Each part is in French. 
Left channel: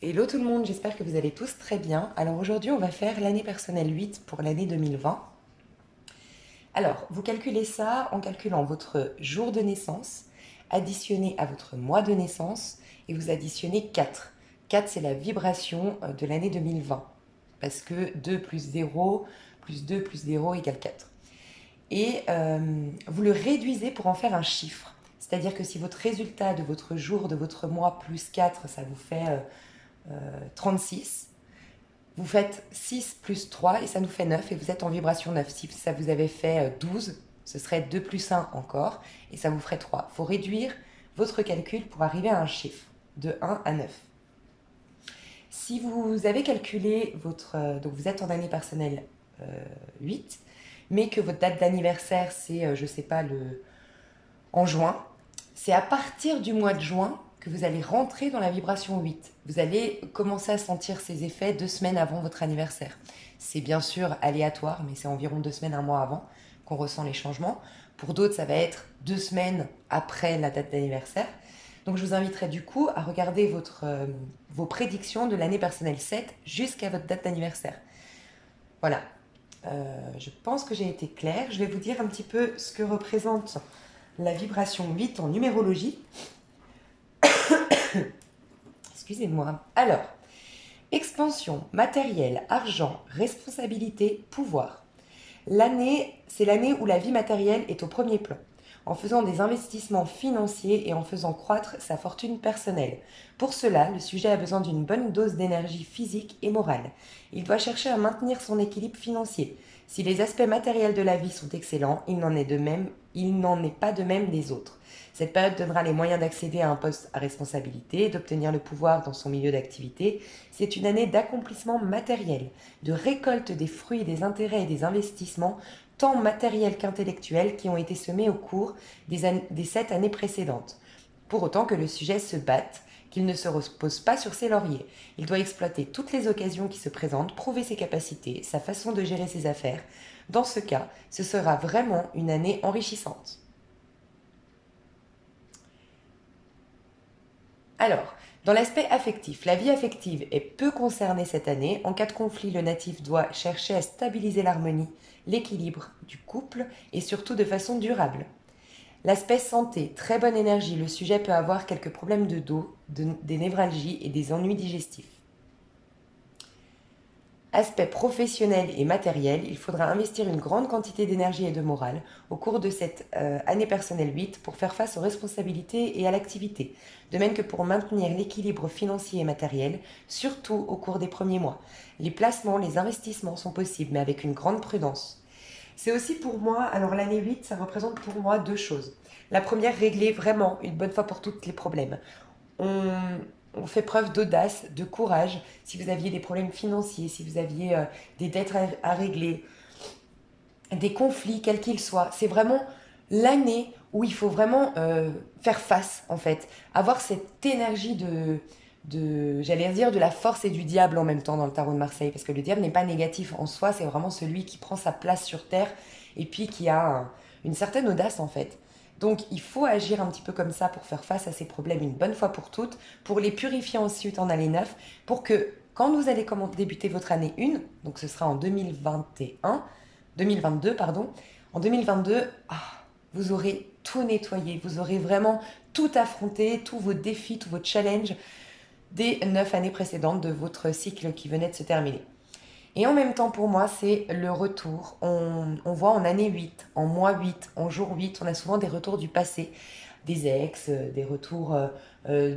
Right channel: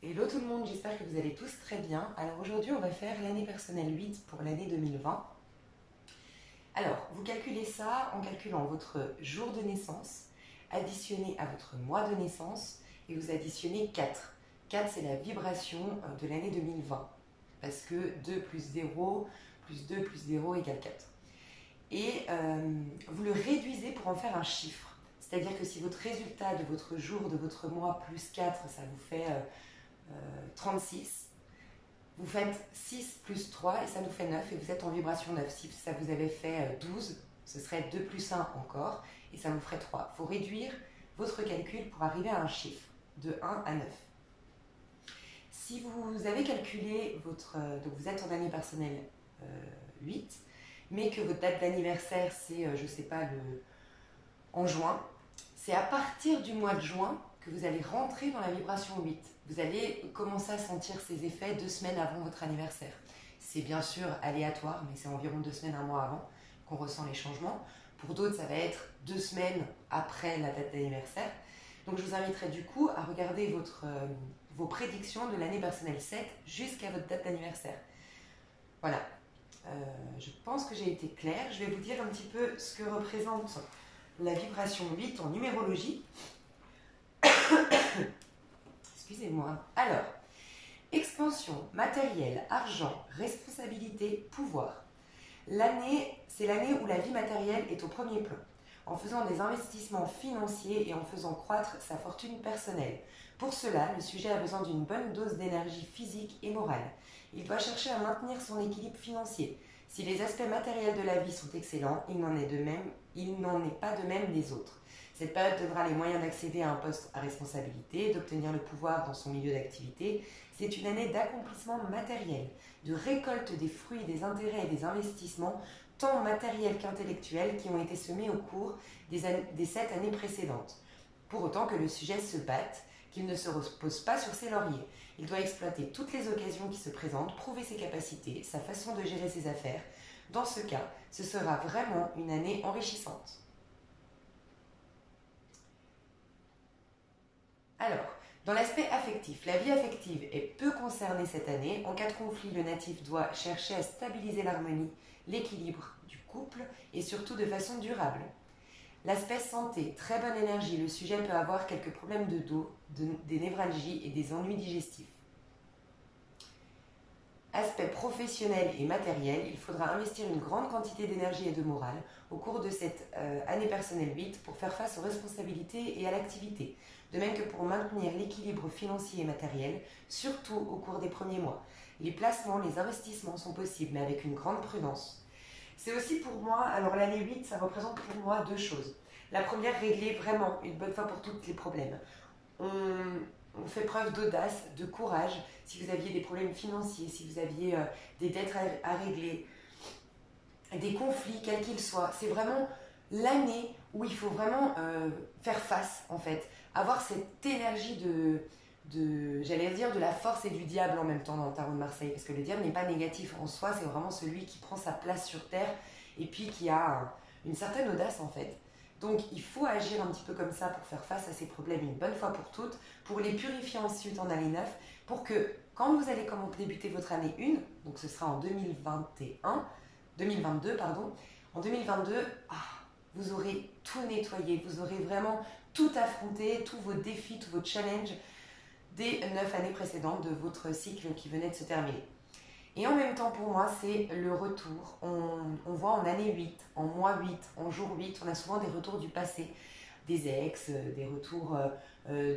Hello tout le monde, j'espère que vous allez tous très bien. Alors aujourd'hui, on va faire l'année personnelle 8 pour l'année 2020. Alors, vous calculez ça en calculant votre jour de naissance, additionné à votre mois de naissance, et vous additionnez 4. 4, c'est la vibration de l'année 2020, parce que 2 plus 0 plus 2 plus 0 égale 4. Et vous le réduisez pour en faire un chiffre. C'est-à-dire que si votre résultat de votre jour, de votre mois plus 4, ça vous fait 36. Vous faites 6 plus 3 et ça nous fait 9 et vous êtes en vibration 9. Si ça vous avait fait 12, ce serait 2 plus 1 encore et ça vous ferait 3. Il faut réduire votre calcul pour arriver à un chiffre de 1 à 9. Si vous avez calculé votre... donc vous êtes en année personnelle 8, mais que votre date d'anniversaire c'est, je ne sais pas, en juin, c'est à partir du mois de juin que vous allez rentrer dans la vibration 8. Vous allez commencer à sentir ces effets 2 semaines avant votre anniversaire. C'est bien sûr aléatoire, mais c'est environ 2 semaines, un mois avant qu'on ressent les changements. Pour d'autres, ça va être 2 semaines après la date d'anniversaire. Donc je vous inviterai du coup à regarder vos prédictions de l'année personnelle 7 jusqu'à votre date d'anniversaire. Voilà, je pense que j'ai été claire. Je vais vous dire un petit peu ce que représente la vibration 8 en numérologie. Excusez-moi. Alors, expansion, matériel, argent, responsabilité, pouvoir. C'est l'année où la vie matérielle est au premier plan, en faisant des investissements financiers et en faisant croître sa fortune personnelle. Pour cela, le sujet a besoin d'une bonne dose d'énergie physique et morale. Il doit chercher à maintenir son équilibre financier. Si les aspects matériels de la vie sont excellents, il n'en est pas de même des autres. Cette période donnera les moyens d'accéder à un poste à responsabilité, d'obtenir le pouvoir dans son milieu d'activité. C'est une année d'accomplissement matériel, de récolte des fruits, des intérêts et des investissements, tant matériels qu'intellectuels, qui ont été semés au cours des 7 années précédentes. Pour autant que le sujet se batte, qu'il ne se repose pas sur ses lauriers. Il doit exploiter toutes les occasions qui se présentent, prouver ses capacités, sa façon de gérer ses affaires. Dans ce cas, ce sera vraiment une année enrichissante. Alors, dans l'aspect affectif, la vie affective est peu concernée cette année. En cas de conflit, le natif doit chercher à stabiliser l'harmonie, l'équilibre du couple et surtout de façon durable. L'aspect santé, très bonne énergie, le sujet peut avoir quelques problèmes de dos, des névralgies et des ennuis digestifs. Aspect professionnel et matériel, il faudra investir une grande quantité d'énergie et de morale au cours de cette année personnelle 8 pour faire face aux responsabilités et à l'activité, de même que pour maintenir l'équilibre financier et matériel, surtout au cours des premiers mois. Les placements, les investissements sont possibles, mais avec une grande prudence. C'est aussi pour moi, alors l'année 8, ça représente pour moi 2 choses. La première, régler vraiment une bonne fois pour toutes les problèmes. On, on fait preuve d'audace, de courage. Si vous aviez des problèmes financiers, si vous aviez des dettes à régler, des conflits, quels qu'ils soient, c'est vraiment l'année où il faut vraiment faire face, en fait. Avoir cette énergie j'allais dire, de la force et du diable en même temps dans le tarot de Marseille. Parce que le diable n'est pas négatif en soi, c'est vraiment celui qui prend sa place sur Terre et puis qui a une certaine audace, en fait. Donc il faut agir un petit peu comme ça pour faire face à ces problèmes une bonne fois pour toutes, pour les purifier ensuite en année 9, pour que quand vous allez débuter votre année 1, donc ce sera en 2022, pardon, en 2022, vous aurez tout nettoyé, vous aurez vraiment tout affronté, tous vos défis, tous vos challenges des 9 années précédentes de votre cycle qui venait de se terminer. Et en même temps, pour moi, c'est le retour. On voit en année 8, en mois 8, en jour 8, on a souvent des retours du passé, des ex, des retours,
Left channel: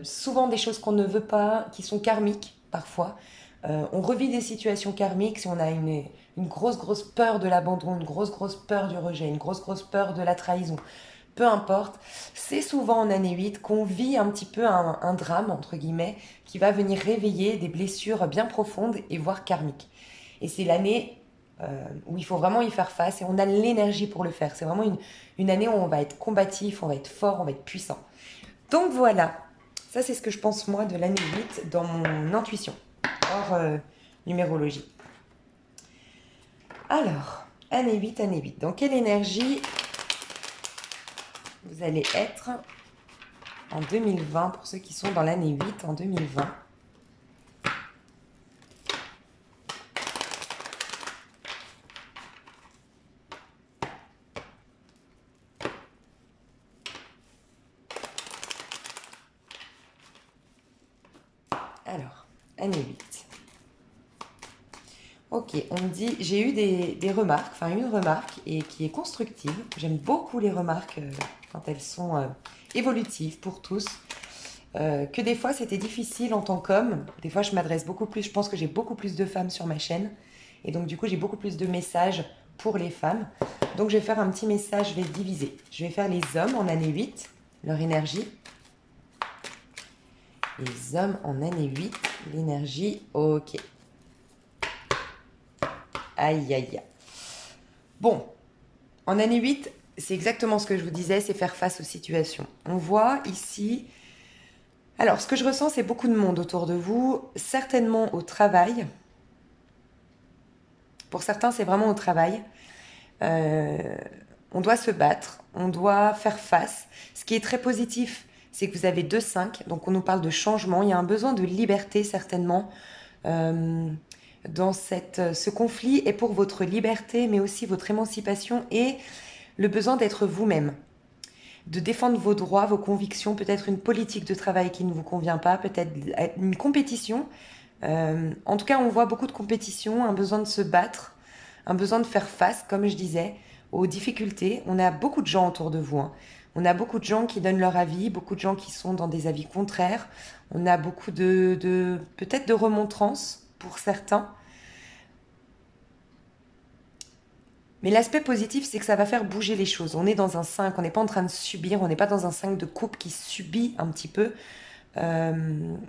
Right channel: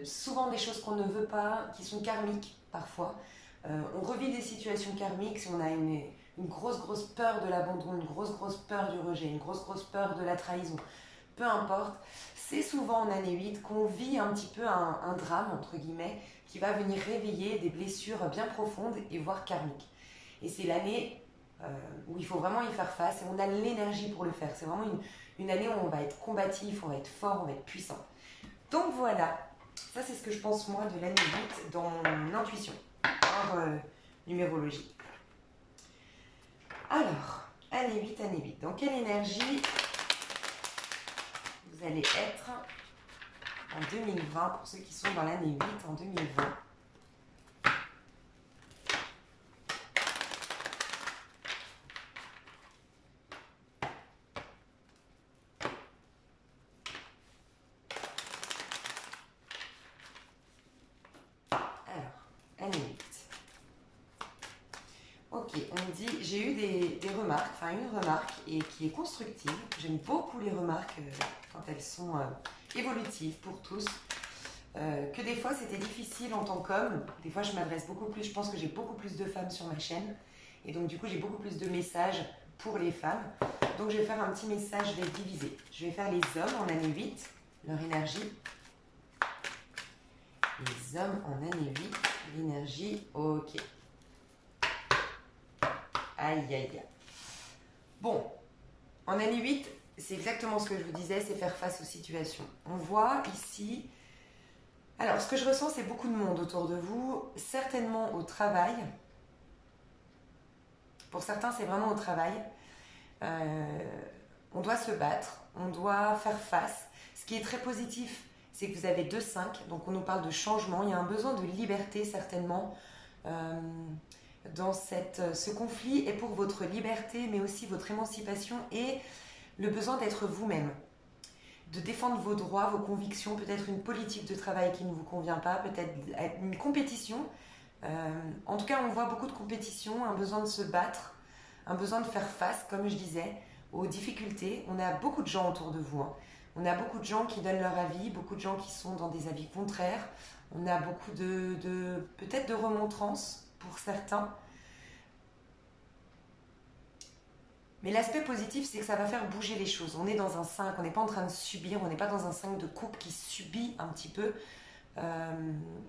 souvent des choses qu'on ne veut pas, qui sont karmiques parfois. On revit des situations karmiques si on a une grosse peur de l'abandon, une grosse peur du rejet, une grosse peur de la trahison. Peu importe, c'est souvent en année 8 qu'on vit un petit peu un drame, entre guillemets, qui va venir réveiller des blessures bien profondes et voire karmiques. Et c'est l'année où il faut vraiment y faire face et on a l'énergie pour le faire. C'est vraiment une année où on va être combatif, on va être fort, on va être puissant. Donc voilà, ça c'est ce que je pense moi de l'année 8 dans mon intuition, hors numérologie. Alors, année 8, dans quelle énergie vous allez être en 2020 pour ceux qui sont dans l'année 8 en 2020? année 8. Ok, on me dit, j'ai eu des remarques, enfin une remarque et qui est constructive. J'aime beaucoup les remarques quand elles sont évolutives pour tous. Que des fois c'était difficile en tant qu'homme. Des fois je m'adresse beaucoup plus, je pense que j'ai beaucoup plus de femmes sur ma chaîne. Et donc du coup j'ai beaucoup plus de messages pour les femmes. Donc je vais faire un petit message, je vais le diviser. Je vais faire les hommes en année 8, leur énergie. Les hommes en année 8, l'énergie, ok. Aïe, aïe, aïe. Bon, en année 8, c'est exactement ce que je vous disais, c'est faire face aux situations. On voit ici... Alors, ce que je ressens, c'est beaucoup de monde autour de vous, certainement au travail. Pour certains, c'est vraiment au travail. On doit se battre, on doit faire face. Ce qui est très positif, c'est que vous avez 2-5, donc on nous parle de changement. Il y a un besoin de liberté, certainement. Dans ce conflit est pour votre liberté, mais aussi votre émancipation et le besoin d'être vous-même, de défendre vos droits, vos convictions, peut-être une politique de travail qui ne vous convient pas, peut-être une compétition. En tout cas, on voit beaucoup de compétition, un besoin de se battre, un besoin de faire face, comme je disais, aux difficultés. On a beaucoup de gens autour de vous, hein. On a beaucoup de gens qui donnent leur avis, beaucoup de gens qui sont dans des avis contraires. On a beaucoup peut-être de remontrances pour certains. Mais l'aspect positif, c'est que ça va faire bouger les choses. On est dans un 5, on n'est pas en train de subir, on n'est pas dans un 5 de coupe qui subit un petit peu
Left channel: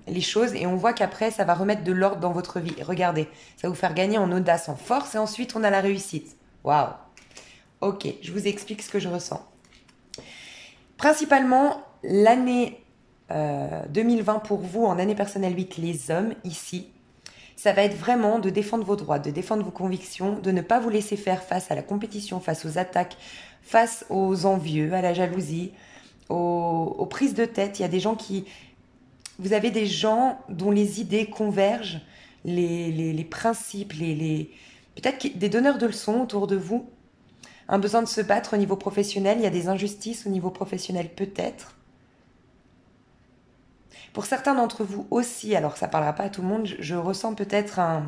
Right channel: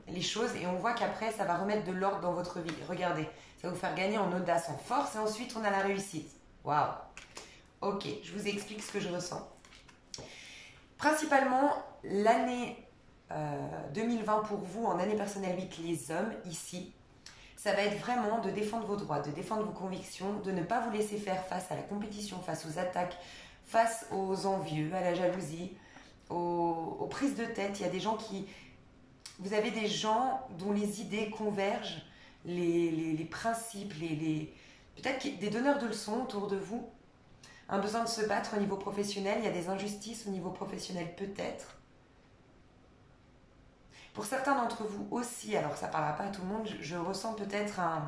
les choses. Et on voit qu'après, ça va remettre de l'ordre dans votre vie. Regardez, ça va vous faire gagner en audace, en force, et ensuite on a la réussite. Waouh! Ok, je vous explique ce que je ressens. Principalement, l'année 2020 pour vous, en année personnelle 8, les hommes, ici, ça va être vraiment de défendre vos droits, de défendre vos convictions, de ne pas vous laisser faire face à la compétition, face aux attaques, face aux envieux, à la jalousie, aux prises de tête. Il y a des gens qui... Vous avez des gens dont les idées convergent, les principes, peut-être des donneurs de leçons autour de vous. Un besoin de se battre au niveau professionnel, il y a des injustices au niveau professionnel peut-être. Pour certains d'entre vous aussi, alors ça ne parlera pas à tout le monde, je ressens peut-être un...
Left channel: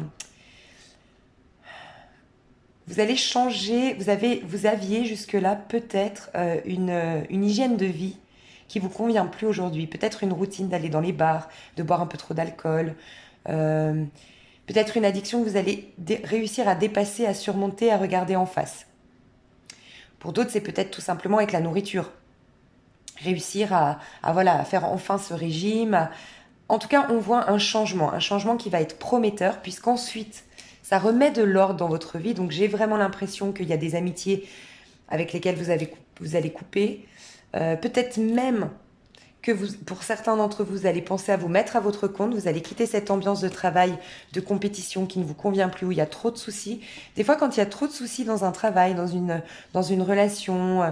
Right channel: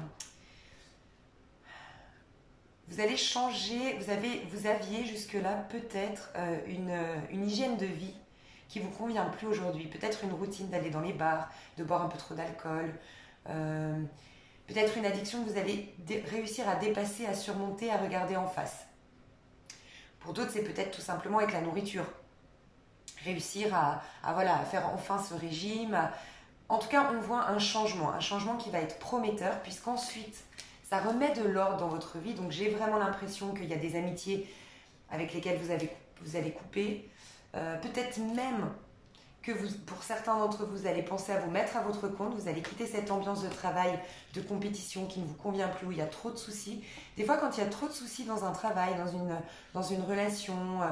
Vous allez changer, vous aviez jusque-là peut-être une hygiène de vie qui vous convient plus aujourd'hui. Peut-être une routine d'aller dans les bars, de boire un peu trop d'alcool. Peut-être une addiction que vous allez réussir à dépasser, à surmonter, à regarder en face. Pour d'autres, c'est peut-être tout simplement avec la nourriture. Réussir à faire enfin ce régime. En tout cas, on voit un changement qui va être prometteur, puisqu'ensuite, ça remet de l'ordre dans votre vie. Donc, j'ai vraiment l'impression qu'il y a des amitiés avec lesquelles vous allez couper. Peut-être même que pour certains d'entre vous, vous allez penser à vous mettre à votre compte. Vous allez quitter cette ambiance de travail, de compétition qui ne vous convient plus, où il y a trop de soucis. Des fois, quand il y a trop de soucis dans un travail, dans une relation...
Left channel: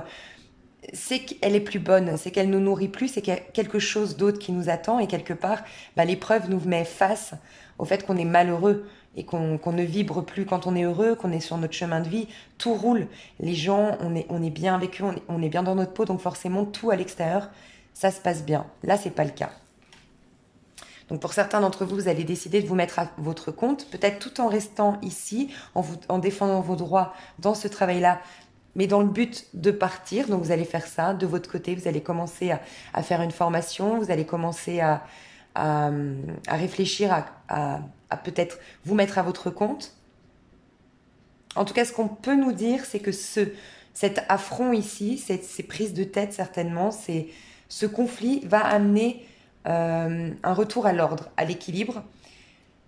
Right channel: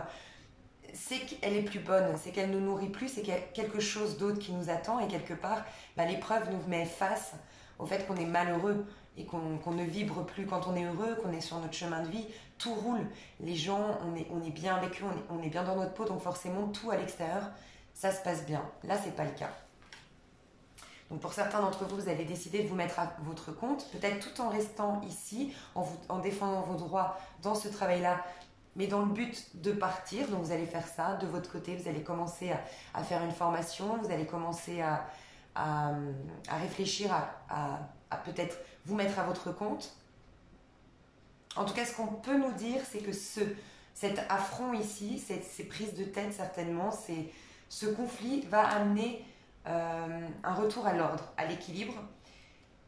c'est qu'elle est plus bonne, c'est qu'elle nous nourrit plus, c'est qu'il y a quelque chose d'autre qui nous attend et quelque part, l'épreuve nous met face au fait qu'on est malheureux et qu'on ne vibre plus quand on est heureux, qu'on est sur notre chemin de vie, tout roule. Les gens, on est bien avec eux, on est bien dans notre peau, donc forcément tout à l'extérieur, ça se passe bien. Là, c'est pas le cas. Donc pour certains d'entre vous, vous allez décider de vous mettre à votre compte, peut-être tout en restant ici, en défendant vos droits dans ce travail-là, mais dans le but de partir. Donc vous allez faire ça de votre côté, vous allez commencer à faire une formation, vous allez commencer à réfléchir à peut-être vous mettre à votre compte. En tout cas, ce qu'on peut nous dire, c'est que cet affront ici, ces prises de tête certainement, ce conflit va amener un retour à l'ordre, à l'équilibre.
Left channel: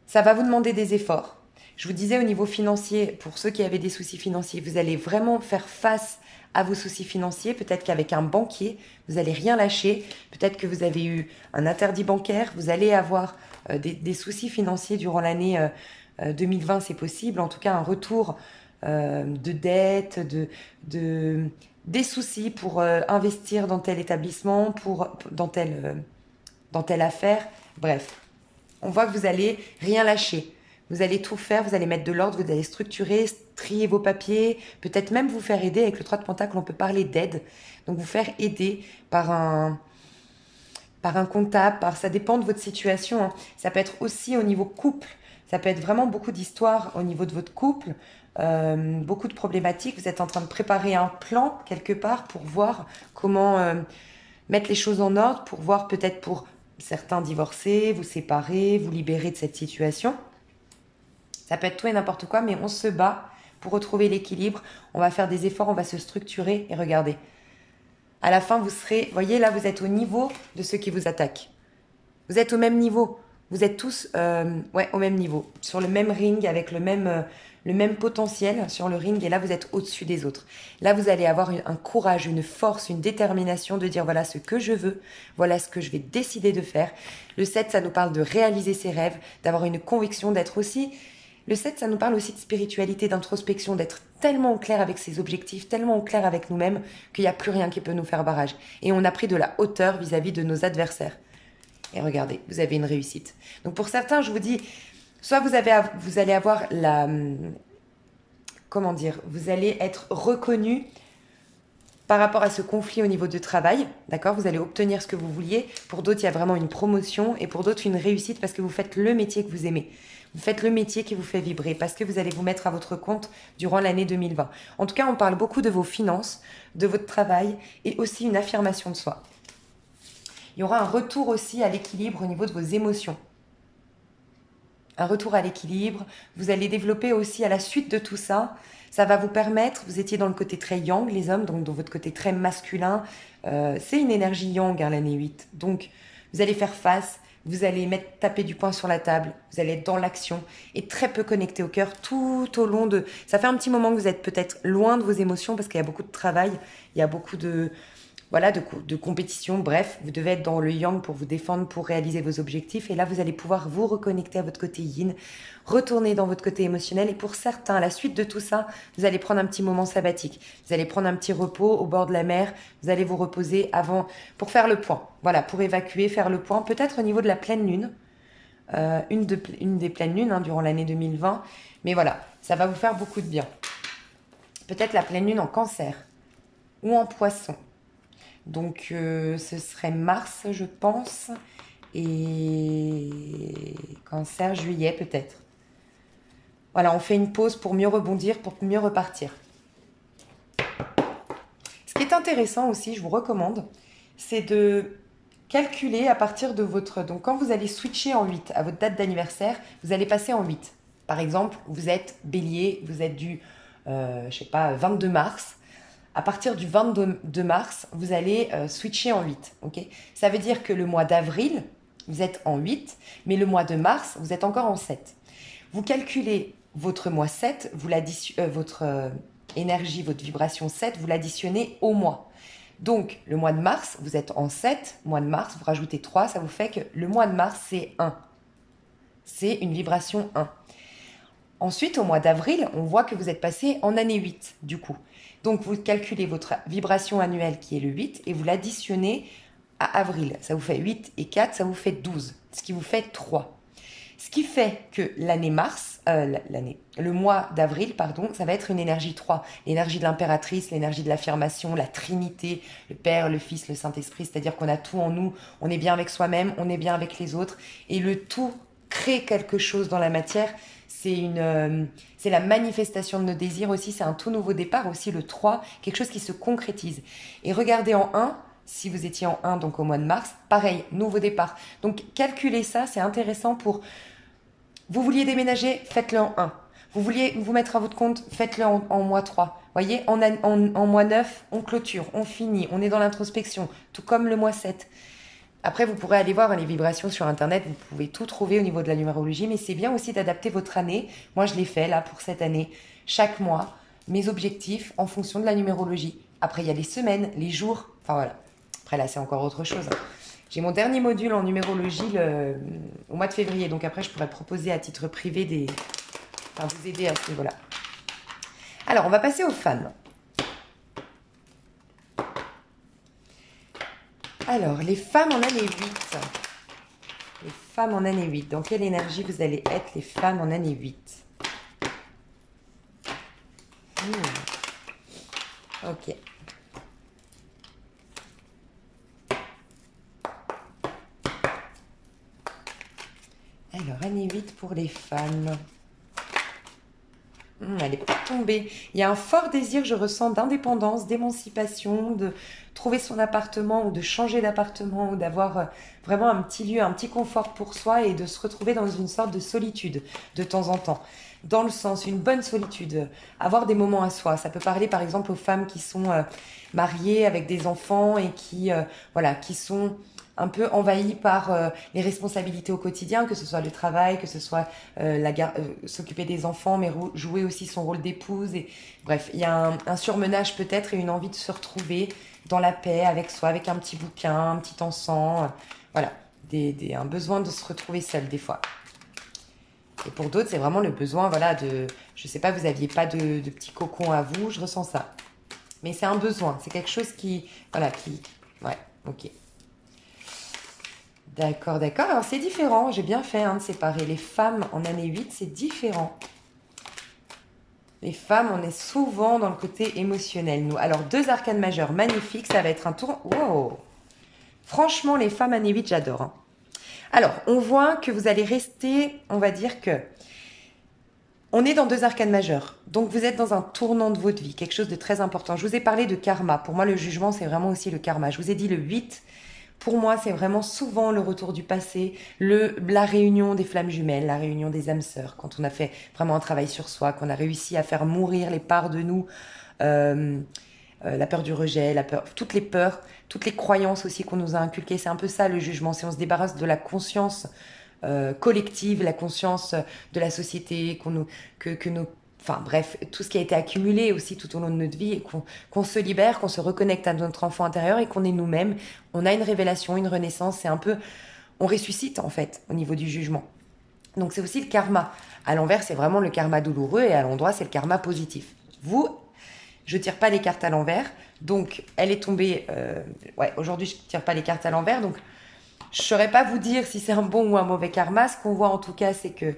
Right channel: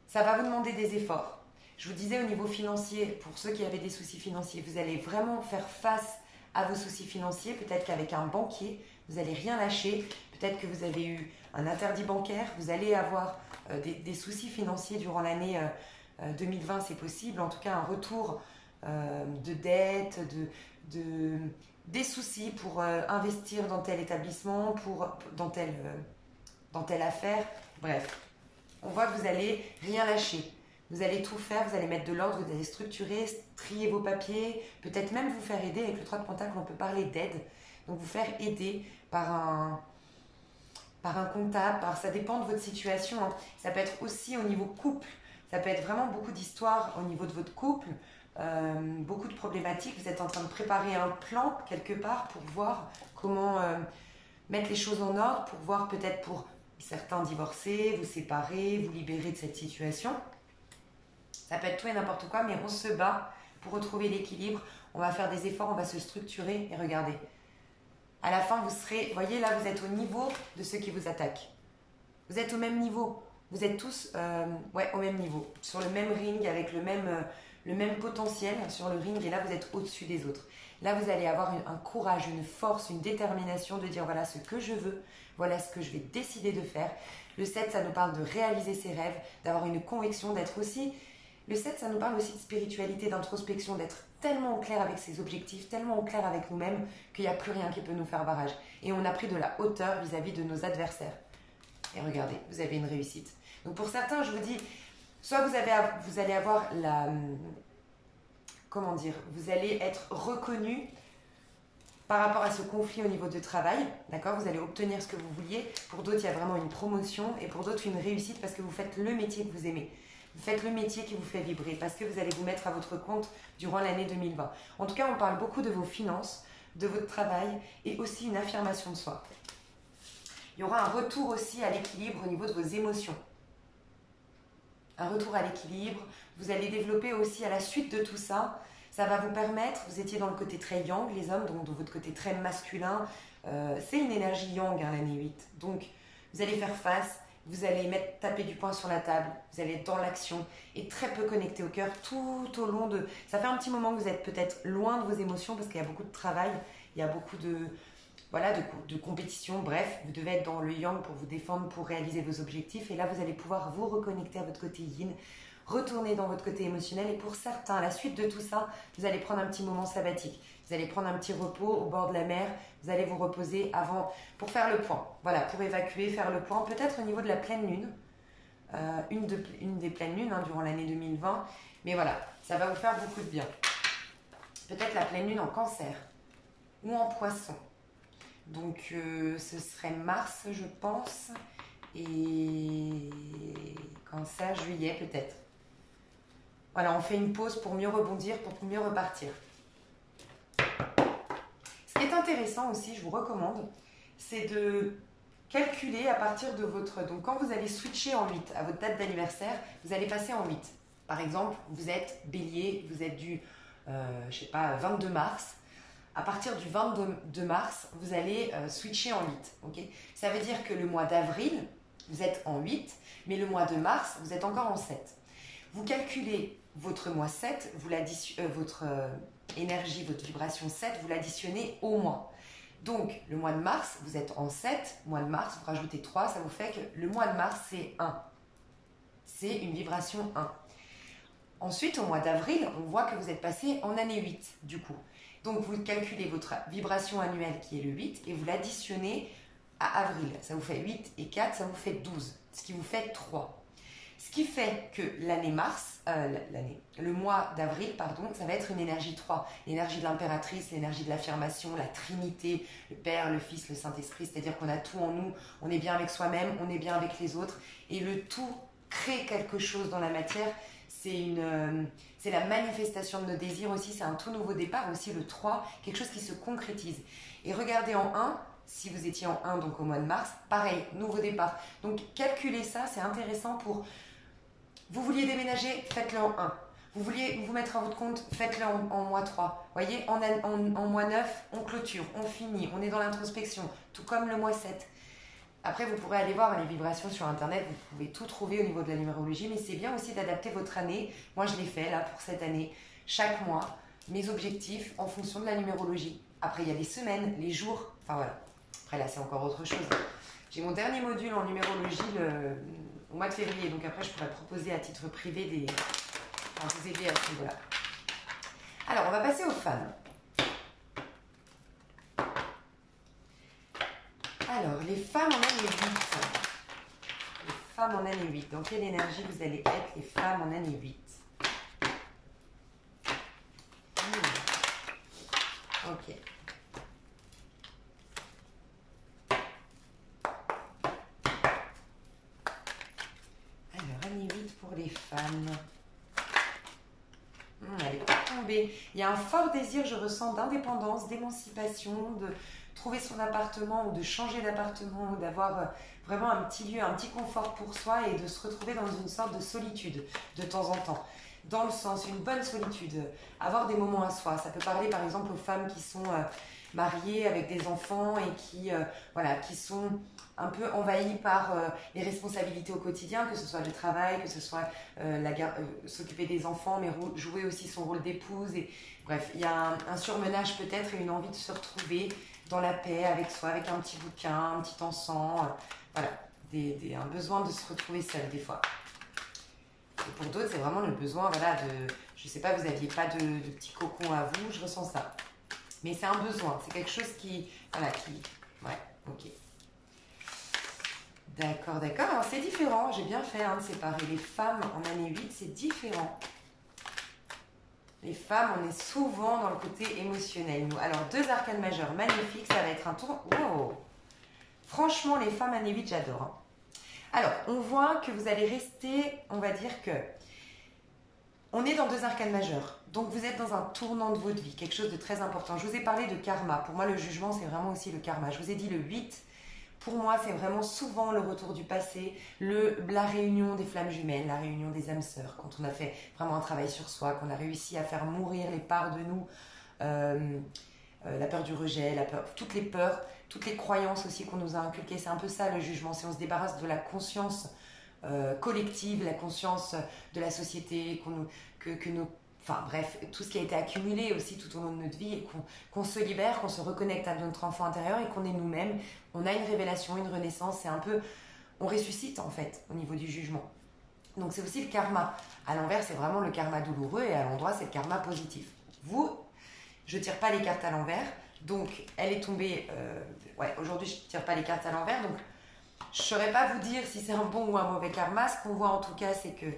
Ça va vous demander des efforts. Je vous disais au niveau financier, pour ceux qui avaient des soucis financiers, vous allez vraiment faire face à vos soucis financiers. Peut-être qu'avec un banquier, vous n'allez rien lâcher. Peut-être que vous avez eu un interdit bancaire. Vous allez avoir des soucis financiers durant l'année 2020, c'est possible. En tout cas, un retour de dette, des soucis pour investir dans tel établissement, dans telle affaire. Bref, on voit que vous allez rien lâcher. Vous allez tout faire, vous allez mettre de l'ordre, vous allez structurer, trier vos papiers, peut-être même vous faire aider. Avec le 3 de Pentacle, on peut parler d'aide. Donc vous faire aider par par un comptable, ça dépend de votre situation, hein. Ça peut être aussi au niveau couple, ça peut être vraiment beaucoup d'histoires au niveau de votre couple, beaucoup de problématiques. Vous êtes en train de préparer un plan quelque part pour voir comment mettre les choses en ordre, pour voir peut-être pour certains divorcer, vous séparer, vous libérer de cette situation. Ça peut être tout et n'importe quoi, mais on se bat pour retrouver l'équilibre. On va faire des efforts, on va se structurer et regardez. À la fin, vous serez, voyez là, vous êtes au niveau de ceux qui vous attaquent. Vous êtes au même niveau. Vous êtes tous au même niveau, sur le même ring, avec le même potentiel sur le ring. Et là, vous êtes au-dessus des autres. Là, vous allez avoir un courage, une force, une détermination de dire voilà ce que je veux, voilà ce que je vais décider de faire. Le 7, ça nous parle de réaliser ses rêves, d'avoir une conviction, d'être aussi... Le 7, ça nous parle aussi de spiritualité, d'introspection, d'être tellement au clair avec ses objectifs, tellement au clair avec nous-mêmes qu'il n'y a plus rien qui peut nous faire barrage. Et on a pris de la hauteur vis-à-vis de nos adversaires. Et regardez, vous avez une réussite. Donc pour certains, je vous dis, soit vous allez avoir la... Comment dire? Vous allez être reconnu par rapport à ce conflit au niveau du travail, d'accord? Vous allez obtenir ce que vous vouliez. Pour d'autres, il y a vraiment une promotion et pour d'autres, une réussite parce que vous faites le métier que vous aimez. Vous faites le métier qui vous fait vibrer parce que vous allez vous mettre à votre compte durant l'année 2020. En tout cas, on parle beaucoup de vos finances, de votre travail et aussi une affirmation de soi. Il y aura un retour aussi à l'équilibre au niveau de vos émotions. Un retour à l'équilibre. Vous allez développer aussi à la suite de tout ça. Ça va vous permettre, vous étiez dans le côté très yang, les hommes, donc dans votre côté très masculin. C'est une énergie yang, hein, l'année 8. Donc, vous allez faire face. Vous allez taper du poing sur la table, vous allez être dans l'action et très peu connecté au cœur tout au long de... Ça fait un petit moment que vous êtes peut-être loin de vos émotions parce qu'il y a beaucoup de travail, il y a beaucoup de compétition. Bref, vous devez être dans le yang pour vous défendre, pour réaliser vos objectifs. Et là, vous allez pouvoir vous reconnecter à votre côté yin, retourner dans votre côté émotionnel. Et pour certains, à la suite de tout ça, vous allez prendre un petit moment sabbatique. Vous allez prendre un petit repos au bord de la mer. Vous allez vous reposer avant pour faire le point. Voilà, pour évacuer, faire le point. Peut-être au niveau de la pleine lune. Une des pleines lunes, hein, durant l'année 2020. Mais voilà, ça va vous faire beaucoup de bien. Peut-être la pleine lune en cancer ou en poisson. Donc, ce serait mars, je pense, et cancer, juillet peut-être. Voilà, on fait une pause pour mieux rebondir, pour mieux repartir. Ce qui est intéressant aussi, je vous recommande, c'est de calculer à partir de votre... Donc, quand vous allez switcher en 8 à votre date d'anniversaire, vous allez passer en 8. Par exemple, vous êtes bélier, vous êtes du, 22 mars. À partir du 22 mars, vous allez switcher en 8. Okay, ça veut dire que le mois d'avril, vous êtes en 8, mais le mois de mars, vous êtes encore en 7. Vous calculez votre mois 7, votre énergie, votre vibration 7, vous l'additionnez au mois. Donc, le mois de mars, vous êtes en 7, mois de mars, vous rajoutez 3, ça vous fait que le mois de mars, c'est 1. C'est une vibration 1. Ensuite, au mois d'avril, on voit que vous êtes passé en année 8, du coup. Donc, vous calculez votre vibration annuelle qui est le 8 et vous l'additionnez à avril. Ça vous fait 8 et 4, ça vous fait 12, ce qui vous fait 3. Ce qui fait que le mois d'avril, pardon, ça va être une énergie 3. L'énergie de l'impératrice, l'énergie de l'affirmation, la Trinité, le Père, le Fils, le Saint-Esprit. C'est-à-dire qu'on a tout en nous, on est bien avec soi-même, on est bien avec les autres. Et le tout crée quelque chose dans la matière. C'est la manifestation de nos désirs aussi, c'est un tout nouveau départ aussi, le 3, quelque chose qui se concrétise. Et regardez en 1, si vous étiez en 1, donc au mois de mars, pareil, nouveau départ. Donc calculez ça, c'est intéressant pour... Vous vouliez déménager, faites-le en 1. Vous vouliez vous mettre à votre compte, faites-le en mois 3. Voyez, en mois 9, on clôture, on finit, on est dans l'introspection, tout comme le mois 7. Après, vous pourrez aller voir les vibrations sur Internet, vous pouvez tout trouver au niveau de la numérologie, mais c'est bien aussi d'adapter votre année. Moi, je l'ai fait là pour cette année, chaque mois, mes objectifs en fonction de la numérologie. Après, il y a les semaines, les jours, enfin voilà. Après, là, c'est encore autre chose. J'ai mon dernier module en numérologie au mois de février, donc après, je pourrais proposer à titre privé vous aider à ce niveau-là. Alors, on va passer aux femmes. Alors, les femmes en année 8. Les femmes en année 8. Dans quelle énergie vous allez être, les femmes en année 8? Ok. pour les femmes. Elle n'est pas tombée. Il y a un fort désir, je ressens, d'indépendance, d'émancipation, de trouver son appartement ou de changer d'appartement ou d'avoir vraiment un petit lieu, un petit confort pour soi et de se retrouver dans une sorte de solitude de temps en temps. Dans le sens, une bonne solitude, avoir des moments à soi. Ça peut parler par exemple aux femmes qui sont mariées avec des enfants et voilà, qui sont un peu envahies par les responsabilités au quotidien, que ce soit le travail, que ce soit s'occuper des enfants, mais jouer aussi son rôle d'épouse. Et, bref, il y a un surmenage peut-être et une envie de se retrouver dans la paix avec soi, avec un petit bouquin, un petit encens. Voilà, un besoin de se retrouver seul des fois. Et pour d'autres, c'est vraiment le besoin, voilà, je sais pas, vous n'aviez pas de petit cocon à vous, je ressens ça. Mais c'est un besoin, c'est quelque chose ouais, ok. D'accord, d'accord. Alors c'est différent, j'ai bien fait de séparer les femmes en année 8, c'est différent. Les femmes, on est souvent dans le côté émotionnel, nous. Alors, 2 arcanes majeures magnifiques, ça va être un tour. Wow! Franchement, les femmes année 8, j'adore. Alors, on voit que vous allez rester, on va dire que on est dans 2 arcanes majeures. Donc, vous êtes dans un tournant de votre vie, quelque chose de très important. Je vous ai parlé de karma. Pour moi, le jugement, c'est vraiment aussi le karma. Je vous ai dit le 8. Pour moi, c'est vraiment souvent le retour du passé, la réunion des flammes jumelles, la réunion des âmes sœurs, quand on a fait vraiment un travail sur soi, qu'on a réussi à faire mourir les parts de nous, la peur du rejet, toutes les peurs, toutes les croyances aussi qu'on nous a inculquées. C'est un peu ça le jugement, c'est on se débarrasse de la conscience collective, la conscience de la société, enfin bref, tout ce qui a été accumulé aussi tout au long de notre vie et qu'on se libère, qu'on se reconnecte à notre enfant intérieur et qu'on est nous-mêmes. On a une révélation, une renaissance, c'est un peu, on ressuscite en fait au niveau du jugement. Donc c'est aussi le karma. À l'envers, c'est vraiment le karma douloureux et à l'endroit, c'est le karma positif. Vous, je tire pas les cartes à l'envers, donc elle est tombée, ouais, aujourd'hui je tire pas les cartes à l'envers, donc je saurais pas vous dire si c'est un bon ou un mauvais karma. Ce qu'on voit en tout cas, c'est que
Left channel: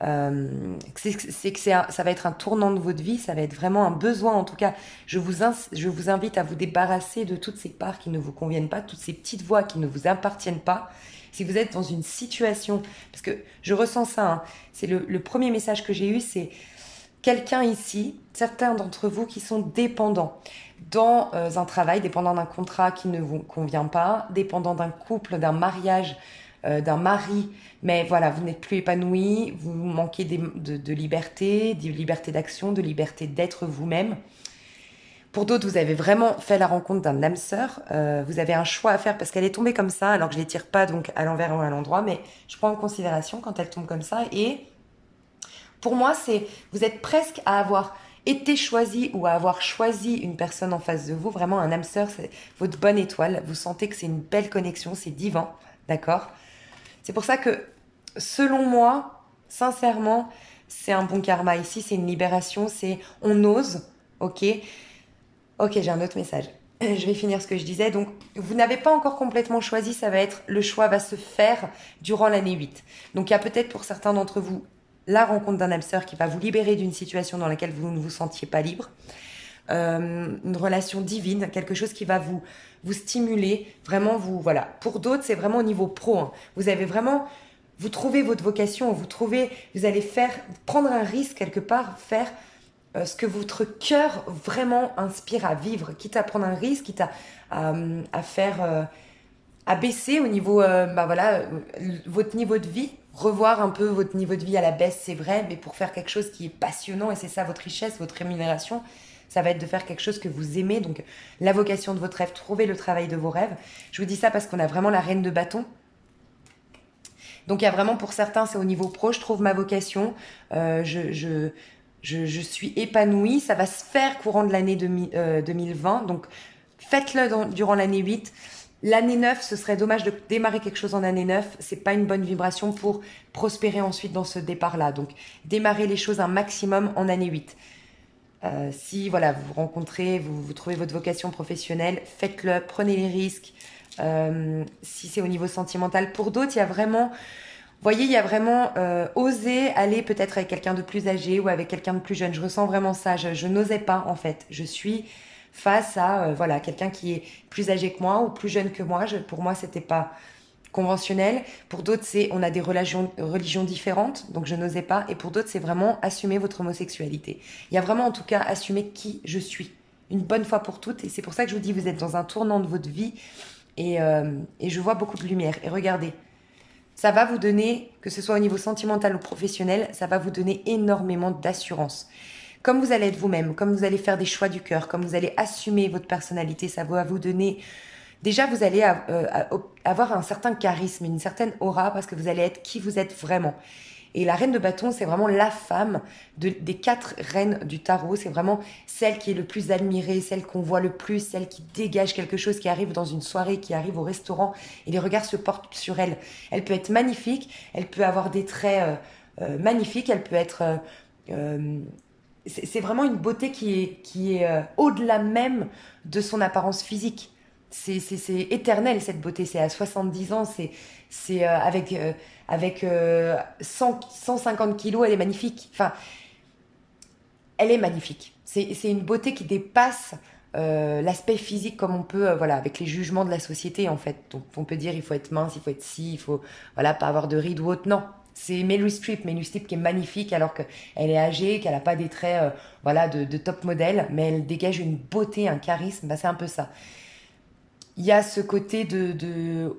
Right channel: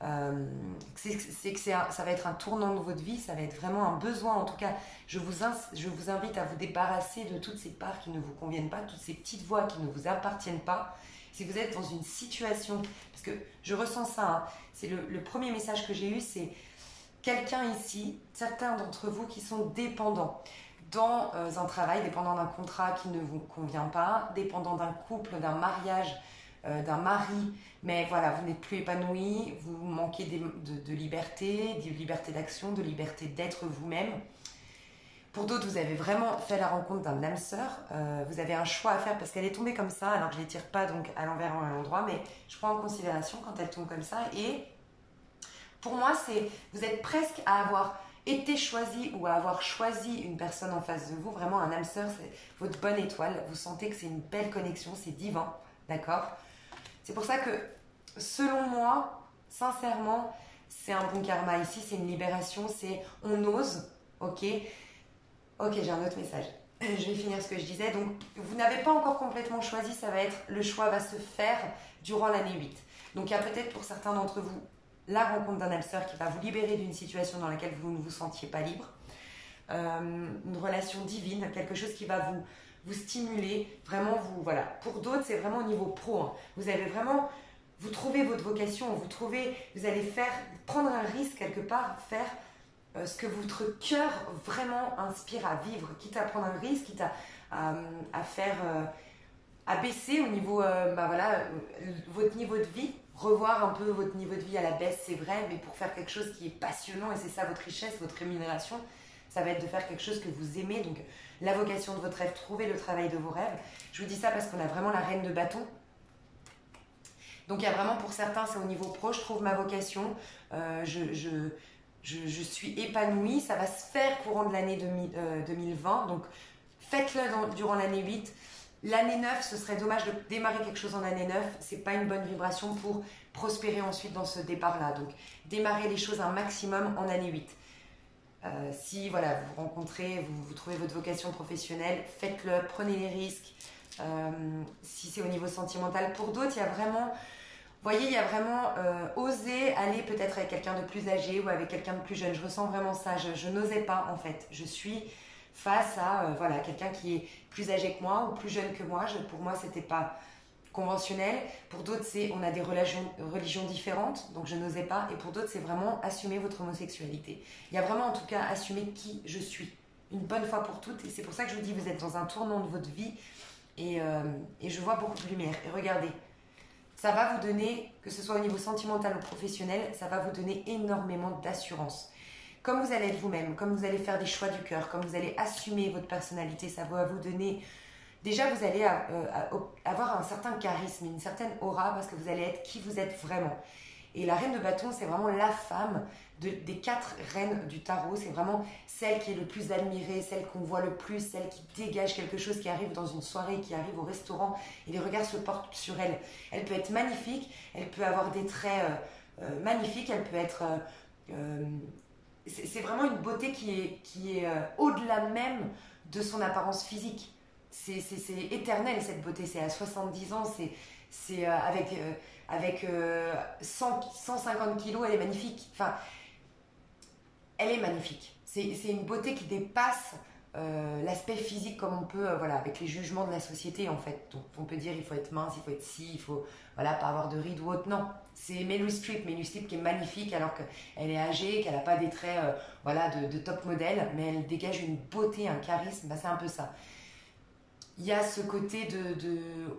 ça va être un tournant de votre vie, ça va être vraiment un besoin. En tout cas, je vous invite à vous débarrasser de toutes ces parts qui ne vous conviennent pas, toutes ces petites voix qui ne vous appartiennent pas. Si vous êtes dans une situation, parce que je ressens ça, c'est le premier message que j'ai eu, c'est quelqu'un ici, certains d'entre vous qui sont dépendants dans un travail, dépendants d'un contrat qui ne vous convient pas, dépendants d'un couple, d'un mariage, d'un mari, mais voilà, vous n'êtes plus épanoui, vous manquez de liberté d'action, de liberté d'être vous-même. Pour d'autres, vous avez vraiment fait la rencontre d'un âme sœur, vous avez un choix à faire parce qu'elle est tombée comme ça, alors que je ne les tire pas donc à l'envers ou à l'endroit, mais je prends en considération quand elle tombe comme ça. Et pour moi, vous êtes presque à avoir été choisi ou à avoir choisi une personne en face de vous, vraiment un âme sœur, c'est votre bonne étoile, vous sentez que c'est une belle connexion, c'est divin, d'accord ? C'est pour ça que, selon moi, sincèrement, c'est un bon karma. Ici, c'est une libération, on ose, ok ? Ok, j'ai un autre message. Je vais finir ce que je disais. Donc, vous n'avez pas encore complètement choisi, le choix va se faire durant l'année 8. Donc, il y a peut-être pour certains d'entre vous la rencontre d'un âme sœur qui va vous libérer d'une situation dans laquelle vous ne vous sentiez pas libre. Une relation divine, quelque chose qui va vous stimuler, vraiment voilà. Pour d'autres, c'est vraiment au niveau pro. Vous trouvez votre vocation, vous allez prendre un risque quelque part, faire ce que votre cœur vraiment inspire à vivre, quitte à prendre un risque, quitte à faire, à baisser au niveau, votre niveau de vie, revoir un peu votre niveau de vie à la baisse, c'est vrai, mais pour faire quelque chose qui est passionnant, et c'est ça votre richesse, votre rémunération, ça va être de faire quelque chose que vous aimez, donc la vocation de votre rêve, trouver le travail de vos rêves. Je vous dis ça parce qu'on a vraiment la reine de bâton. Donc il y a vraiment pour certains, c'est au niveau pro, je trouve ma vocation, je suis épanouie, ça va se faire courant de l'année 2020, donc faites-le durant l'année 8. L'année 9, ce serait dommage de démarrer quelque chose en année 9, c'est pas une bonne vibration pour prospérer ensuite dans ce départ-là. Donc démarrez les choses un maximum en année 8. Si voilà, vous rencontrez, vous trouvez votre vocation professionnelle, faites-le, prenez les risques. Si c'est au niveau sentimental, pour d'autres, il y a vraiment, vous voyez, il y a vraiment oser aller peut-être avec quelqu'un de plus âgé ou avec quelqu'un de plus jeune. Je ressens vraiment ça, je n'osais pas en fait. Je suis face à voilà, quelqu'un qui est plus âgé que moi ou plus jeune que moi. Pour moi, c'était pas conventionnel. Pour d'autres, c'est on a des religions différentes, donc je n'osais pas. Et pour d'autres, c'est vraiment assumer votre homosexualité. Il y a vraiment en tout cas assumer qui je suis, une bonne fois pour toutes. Et c'est pour ça que je vous dis, vous êtes dans un tournant de votre vie et je vois beaucoup de lumière. Et regardez, ça va vous donner, que ce soit au niveau sentimental ou professionnel, ça va vous donner énormément d'assurance. Comme vous allez être vous-même, comme vous allez faire des choix du cœur, comme vous allez assumer votre personnalité, ça va vous donner... Déjà, vous allez avoir un certain charisme, une certaine aura, parce que vous allez être qui vous êtes vraiment. Et la reine de bâton, c'est vraiment la femme des 4 reines du tarot. C'est vraiment celle qui est le plus admirée, celle qu'on voit le plus, celle qui dégage quelque chose, qui arrive dans une soirée, qui arrive au restaurant, et les regards se portent sur elle. Elle peut être magnifique, elle peut avoir des traits magnifiques, elle peut être... c'est vraiment une beauté qui est au-delà même de son apparence physique. C'est éternel cette beauté, c'est à 70 ans, c'est avec 150 kilos, elle est magnifique. Enfin, elle est magnifique. C'est une beauté qui dépasse l'aspect physique comme on peut, voilà, avec les jugements de la société en fait. Donc on peut dire il faut être mince, il faut être ci, il faut voilà, pas avoir de rides ou autre. Non, c'est Meryl Streep qui est magnifique alors qu'elle est âgée, qu'elle n'a pas des traits voilà, de top modèle, mais elle dégage une beauté, un charisme, bah, c'est un peu ça. Il y a ce côté de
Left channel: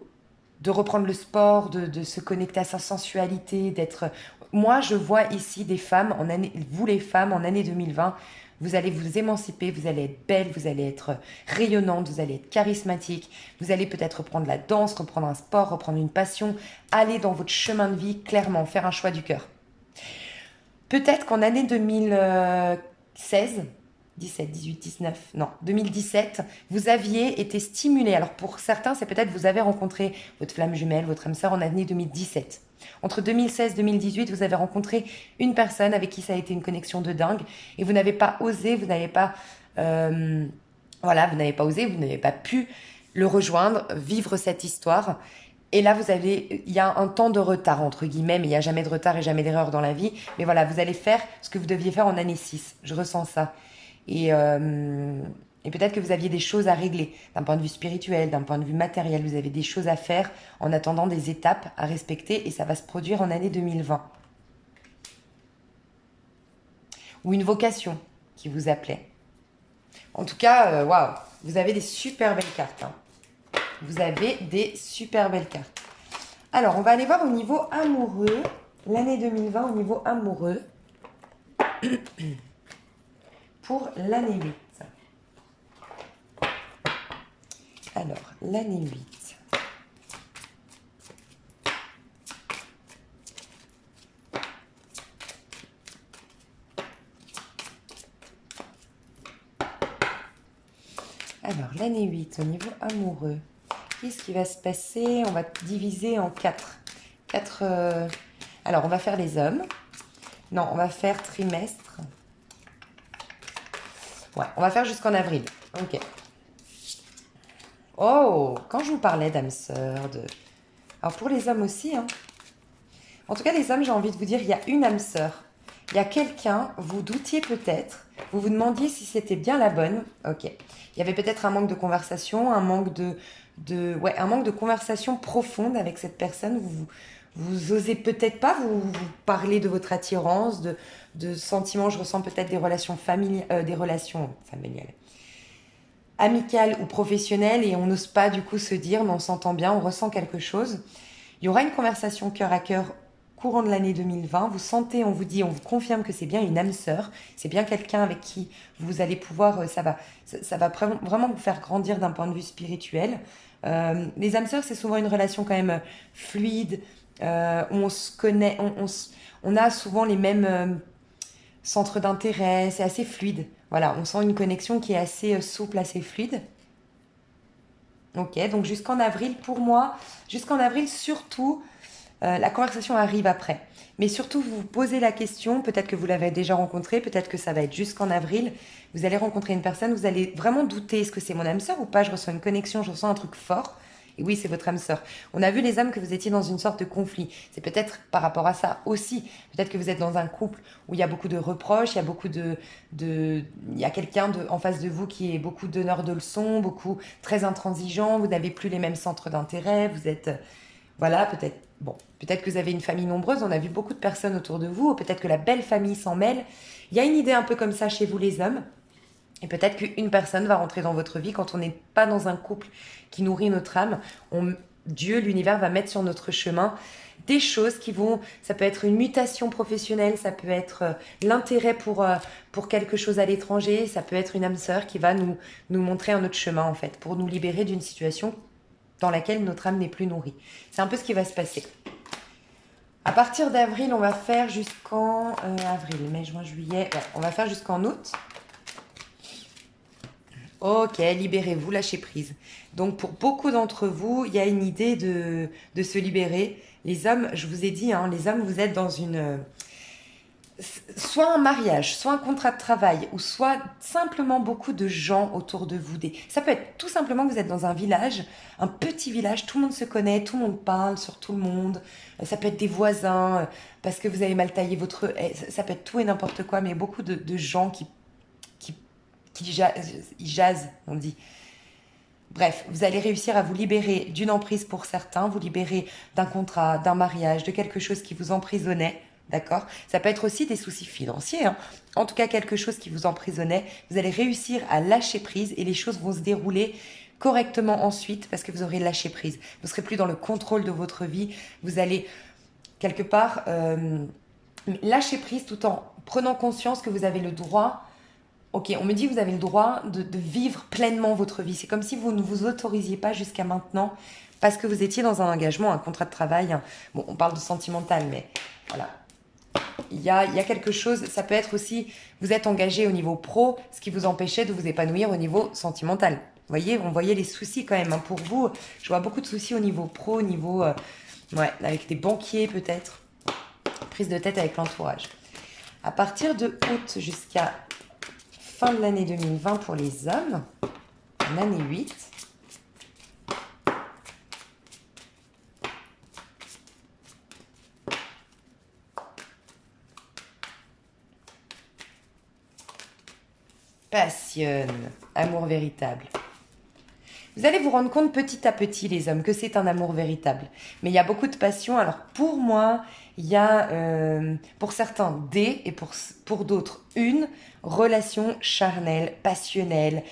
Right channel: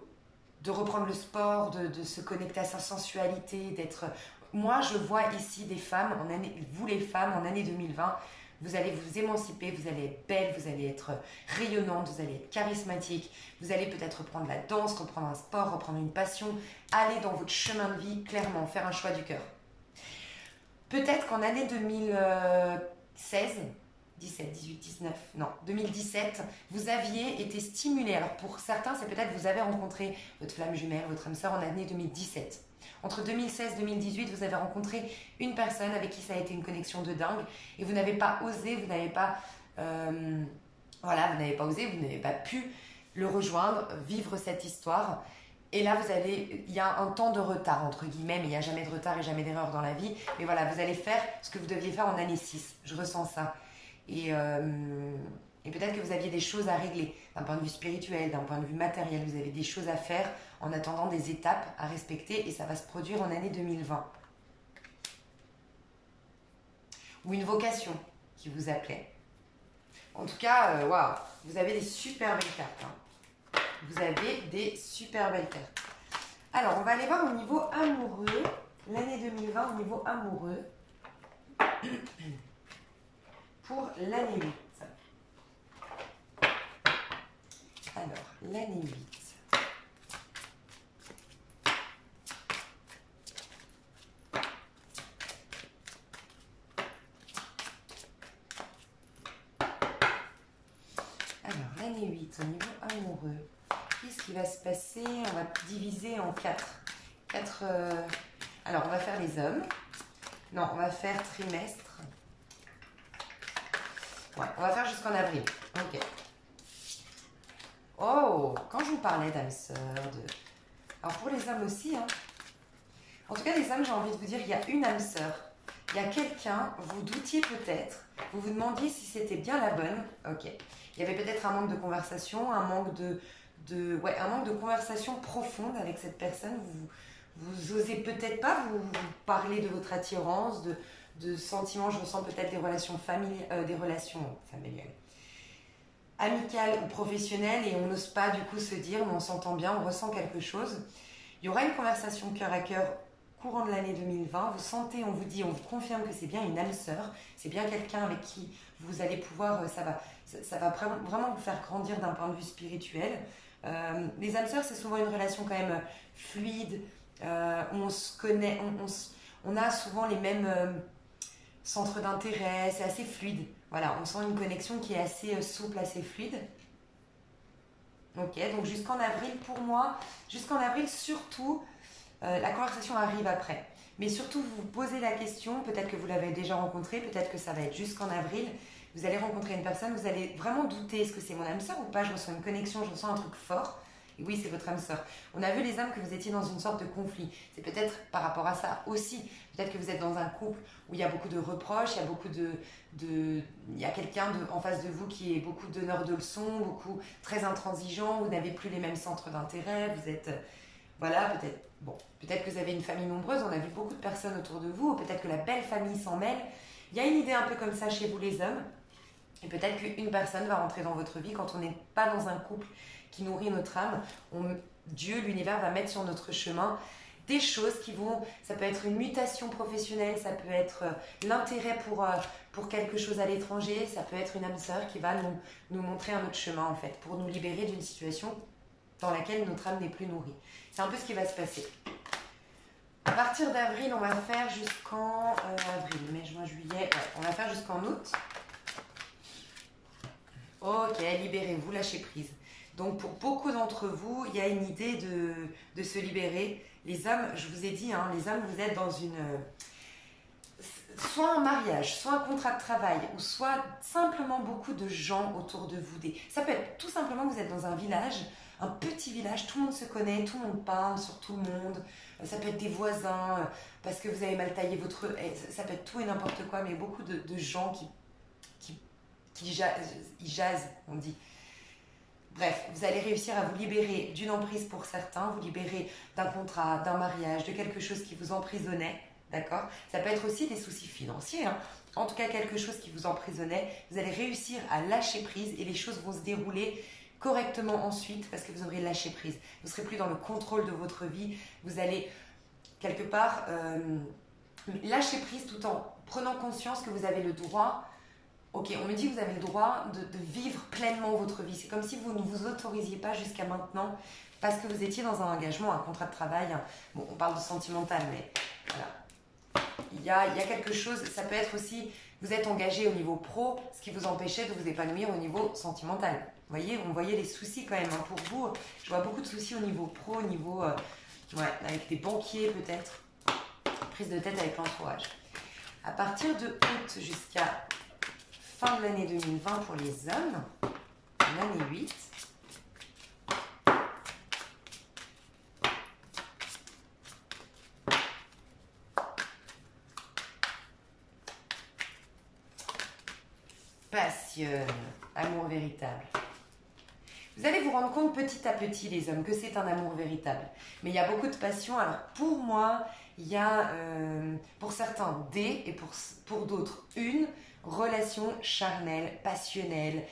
reprendre le sport, de se connecter à sa sensualité, d'être... Moi, je vois ici des femmes, vous les femmes, en année 2020, vous allez vous émanciper, vous allez être belle, vous allez être rayonnante, vous allez être charismatique, vous allez peut-être reprendre la danse, reprendre un sport, reprendre une passion, aller dans votre chemin de vie, clairement, faire un choix du cœur. Peut-être qu'en année 2016... 17, 18, 19, non, 2017, vous aviez été stimulé. Alors pour certains, c'est peut-être vous avez rencontré votre flamme jumelle, votre âme sœur en année 2017. Entre 2016 et 2018, vous avez rencontré une personne avec qui ça a été une connexion de dingue et vous n'avez pas osé, vous n'avez pas, voilà, vous n'avez pas osé, vous n'avez pas pu le rejoindre, vivre cette histoire. Et là, il y a un temps de retard, entre guillemets, mais il n'y a jamais de retard et jamais d'erreur dans la vie. Mais voilà, vous allez faire ce que vous deviez faire en année 6. Je ressens ça. Et peut-être que vous aviez des choses à régler d'un point de vue spirituel, d'un point de vue matériel. Vous avez des choses à faire en attendant des étapes à respecter et ça va se produire en année 2020. Ou une vocation qui vous appelait. En tout cas, waouh, vous avez des super belles cartes. Hein. Vous avez des super belles cartes. Alors, on va aller voir au niveau amoureux. L'année 2020 au niveau amoureux. Pour l'année 8. Alors, l'année 8. Alors, l'année 8, au niveau amoureux, qu'est-ce qui va se passer? On va diviser en 4. Alors, on va faire les hommes. Non, on va faire trimestre. Ouais, on va faire jusqu'en avril. Ok. Oh, quand je vous parlais d'âme sœur, alors pour les hommes aussi, hein. En tout cas, les hommes, j'ai envie de vous dire, il y a une âme sœur. Il y a quelqu'un, vous doutiez peut-être, vous vous demandiez si c'était bien la bonne. Ok. Il y avait peut-être un manque de conversation, un manque un manque de conversation profonde avec cette personne. Vous osez peut-être pas vous parler de votre attirance, de sentiments. Je ressens peut-être des relations familiales, amicales ou professionnelles, et on n'ose pas du coup se dire, mais on s'entend bien, on ressent quelque chose. Il y aura une conversation cœur à cœur courant de l'année 2020. Vous sentez, on vous dit, on vous confirme que c'est bien une âme sœur, c'est bien quelqu'un avec qui vous allez pouvoir, ça va vraiment vous faire grandir d'un point de vue spirituel. Les âmes sœurs, c'est souvent une relation quand même fluide, où on se connaît, on a souvent les mêmes centres d'intérêt, c'est assez fluide. Voilà, on sent une connexion qui est assez souple, assez fluide. Ok, donc jusqu'en avril, pour moi, jusqu'en avril surtout, la conversation arrive après. Mais surtout, vous vous posez la question, peut-être que vous l'avez déjà rencontré, peut-être que ça va être jusqu'en avril, vous allez rencontrer une personne, vous allez vraiment douter, est-ce que c'est mon âme sœur ou pas? Je ressens une connexion, je ressens un truc fort. Et oui, c'est votre âme sœur. On a vu les âmes que vous étiez dans une sorte de conflit. C'est peut-être par rapport à ça aussi. Peut-être que vous êtes dans un couple où il y a beaucoup de reproches, il y a beaucoup il y a quelqu'un en face de vous qui est beaucoup donneur de leçons, beaucoup très intransigeant, vous n'avez plus les mêmes centres d'intérêt, vous êtes... Voilà, peut-être, bon, peut-être que vous avez une famille nombreuse, on a vu beaucoup de personnes autour de vous, ou peut-être que la belle famille s'en mêle. Il y a une idée un peu comme ça chez vous les hommes, et peut-être qu'une personne va rentrer dans votre vie quand on n'est pas dans un couple qui nourrit notre âme. Dieu, l'univers va mettre sur notre chemin des choses qui vont, ça peut être une mutation professionnelle, ça peut être l'intérêt pour quelque chose à l'étranger, ça peut être une âme sœur qui va nous montrer un autre chemin en fait, pour nous libérer d'une situation dans laquelle notre âme n'est plus nourrie. C'est un peu ce qui va se passer. À partir d'avril, on va faire jusqu'en avril, mai, juin, juillet, ouais, on va faire jusqu'en août. Ok, libérez-vous, lâchez prise. Donc pour beaucoup d'entre vous, il y a une idée de se libérer. Les hommes, je vous ai dit, hein, les hommes, vous êtes dans soit un mariage, soit un contrat de travail, ou soit simplement beaucoup de gens autour de vous. Ça peut être tout simplement que vous êtes dans un village, un petit village, tout le monde se connaît, tout le monde parle sur tout le monde. Ça peut être des voisins, parce que vous avez mal taillé votre... Ça peut être tout et n'importe quoi, mais beaucoup de gens qui, ils jasent, on dit. Bref, vous allez réussir à vous libérer d'une emprise pour certains, vous libérer d'un contrat, d'un mariage, de quelque chose qui vous emprisonnait, d'accord? Ça peut être aussi des soucis financiers, hein. En tout cas quelque chose qui vous emprisonnait. Vous allez réussir à lâcher prise et les choses vont se dérouler correctement ensuite parce que vous aurez lâché prise. Vous ne serez plus dans le contrôle de votre vie. Vous allez quelque part lâcher prise tout en prenant conscience que vous avez le droit. Ok, on me dit que vous avez le droit de vivre pleinement votre vie. C'est comme si vous ne vous autorisiez pas jusqu'à maintenant parce que vous étiez dans un engagement, un contrat de travail. Bon, on parle de sentimental, mais voilà. Il y a quelque chose, ça peut être aussi, vous êtes engagé au niveau pro, ce qui vous empêchait de vous épanouir au niveau sentimental. Vous voyez, on voyait les soucis quand même. Hein. Pour vous, je vois beaucoup de soucis au niveau pro, au niveau, ouais, avec des banquiers peut-être. Prise de tête avec l'entourage. À partir de août jusqu'à fin de l'année 2020 pour les hommes, en année 8. Passionne, amour véritable. Vous allez vous rendre compte petit à petit, les hommes, que c'est un amour véritable. Mais il y a beaucoup de passion. Alors pour moi, il y a pour certains des et pour d'autres une relation charnelle, passionnelle,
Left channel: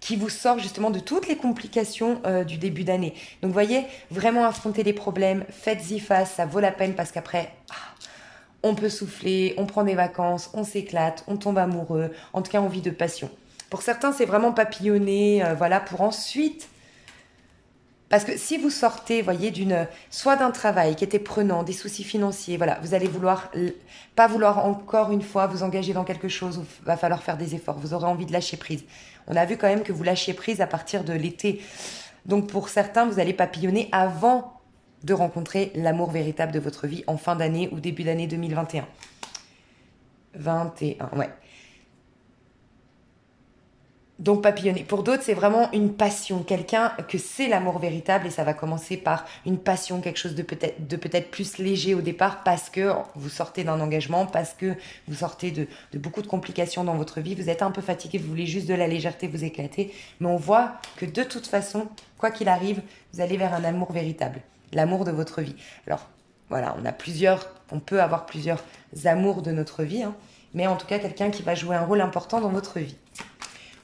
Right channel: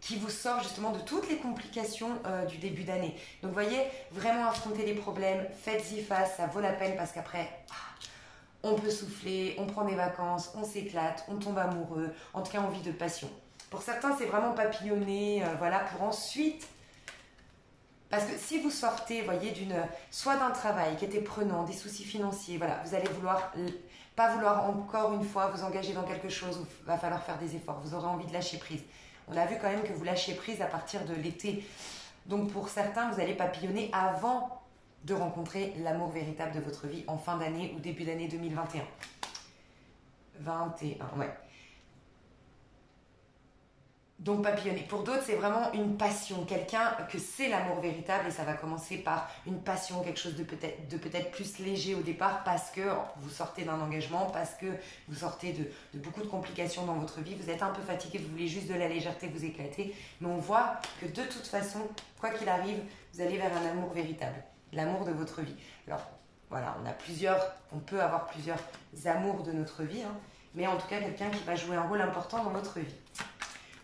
qui vous sort justement de toutes les complications du début d'année. Donc vous voyez, vraiment affronter les problèmes, faites-y face, ça vaut la peine parce qu'après... on peut souffler, on prend des vacances, on s'éclate, on tombe amoureux. En tout cas, on vit de passion. Pour certains, c'est vraiment papillonner, voilà, pour ensuite... Parce que si vous sortez, voyez, soit d'un travail qui était prenant, des soucis financiers, voilà, vous allez pas vouloir encore une fois vous engager dans quelque chose où il va falloir faire des efforts. Vous aurez envie de lâcher prise. On a vu quand même que vous lâchez prise à partir de l'été. Donc pour certains, vous allez papillonner avant de rencontrer l'amour véritable de votre vie en fin d'année ou début d'année 2021. 21, ouais. Donc papillonner. Pour d'autres, c'est vraiment une passion, quelqu'un que c'est l'amour véritable et ça va commencer par une passion, quelque chose de peut-être plus léger au départ parce que vous sortez d'un engagement, parce que vous sortez de beaucoup de complications dans votre vie, vous êtes un peu fatigué, vous voulez juste de la légèreté, vous éclater, mais on voit que de toute façon, quoi qu'il arrive, vous allez vers un amour véritable, l'amour de votre vie. Alors voilà, on peut avoir plusieurs amours de notre vie, hein, mais en tout cas quelqu'un qui va jouer un rôle important dans votre vie.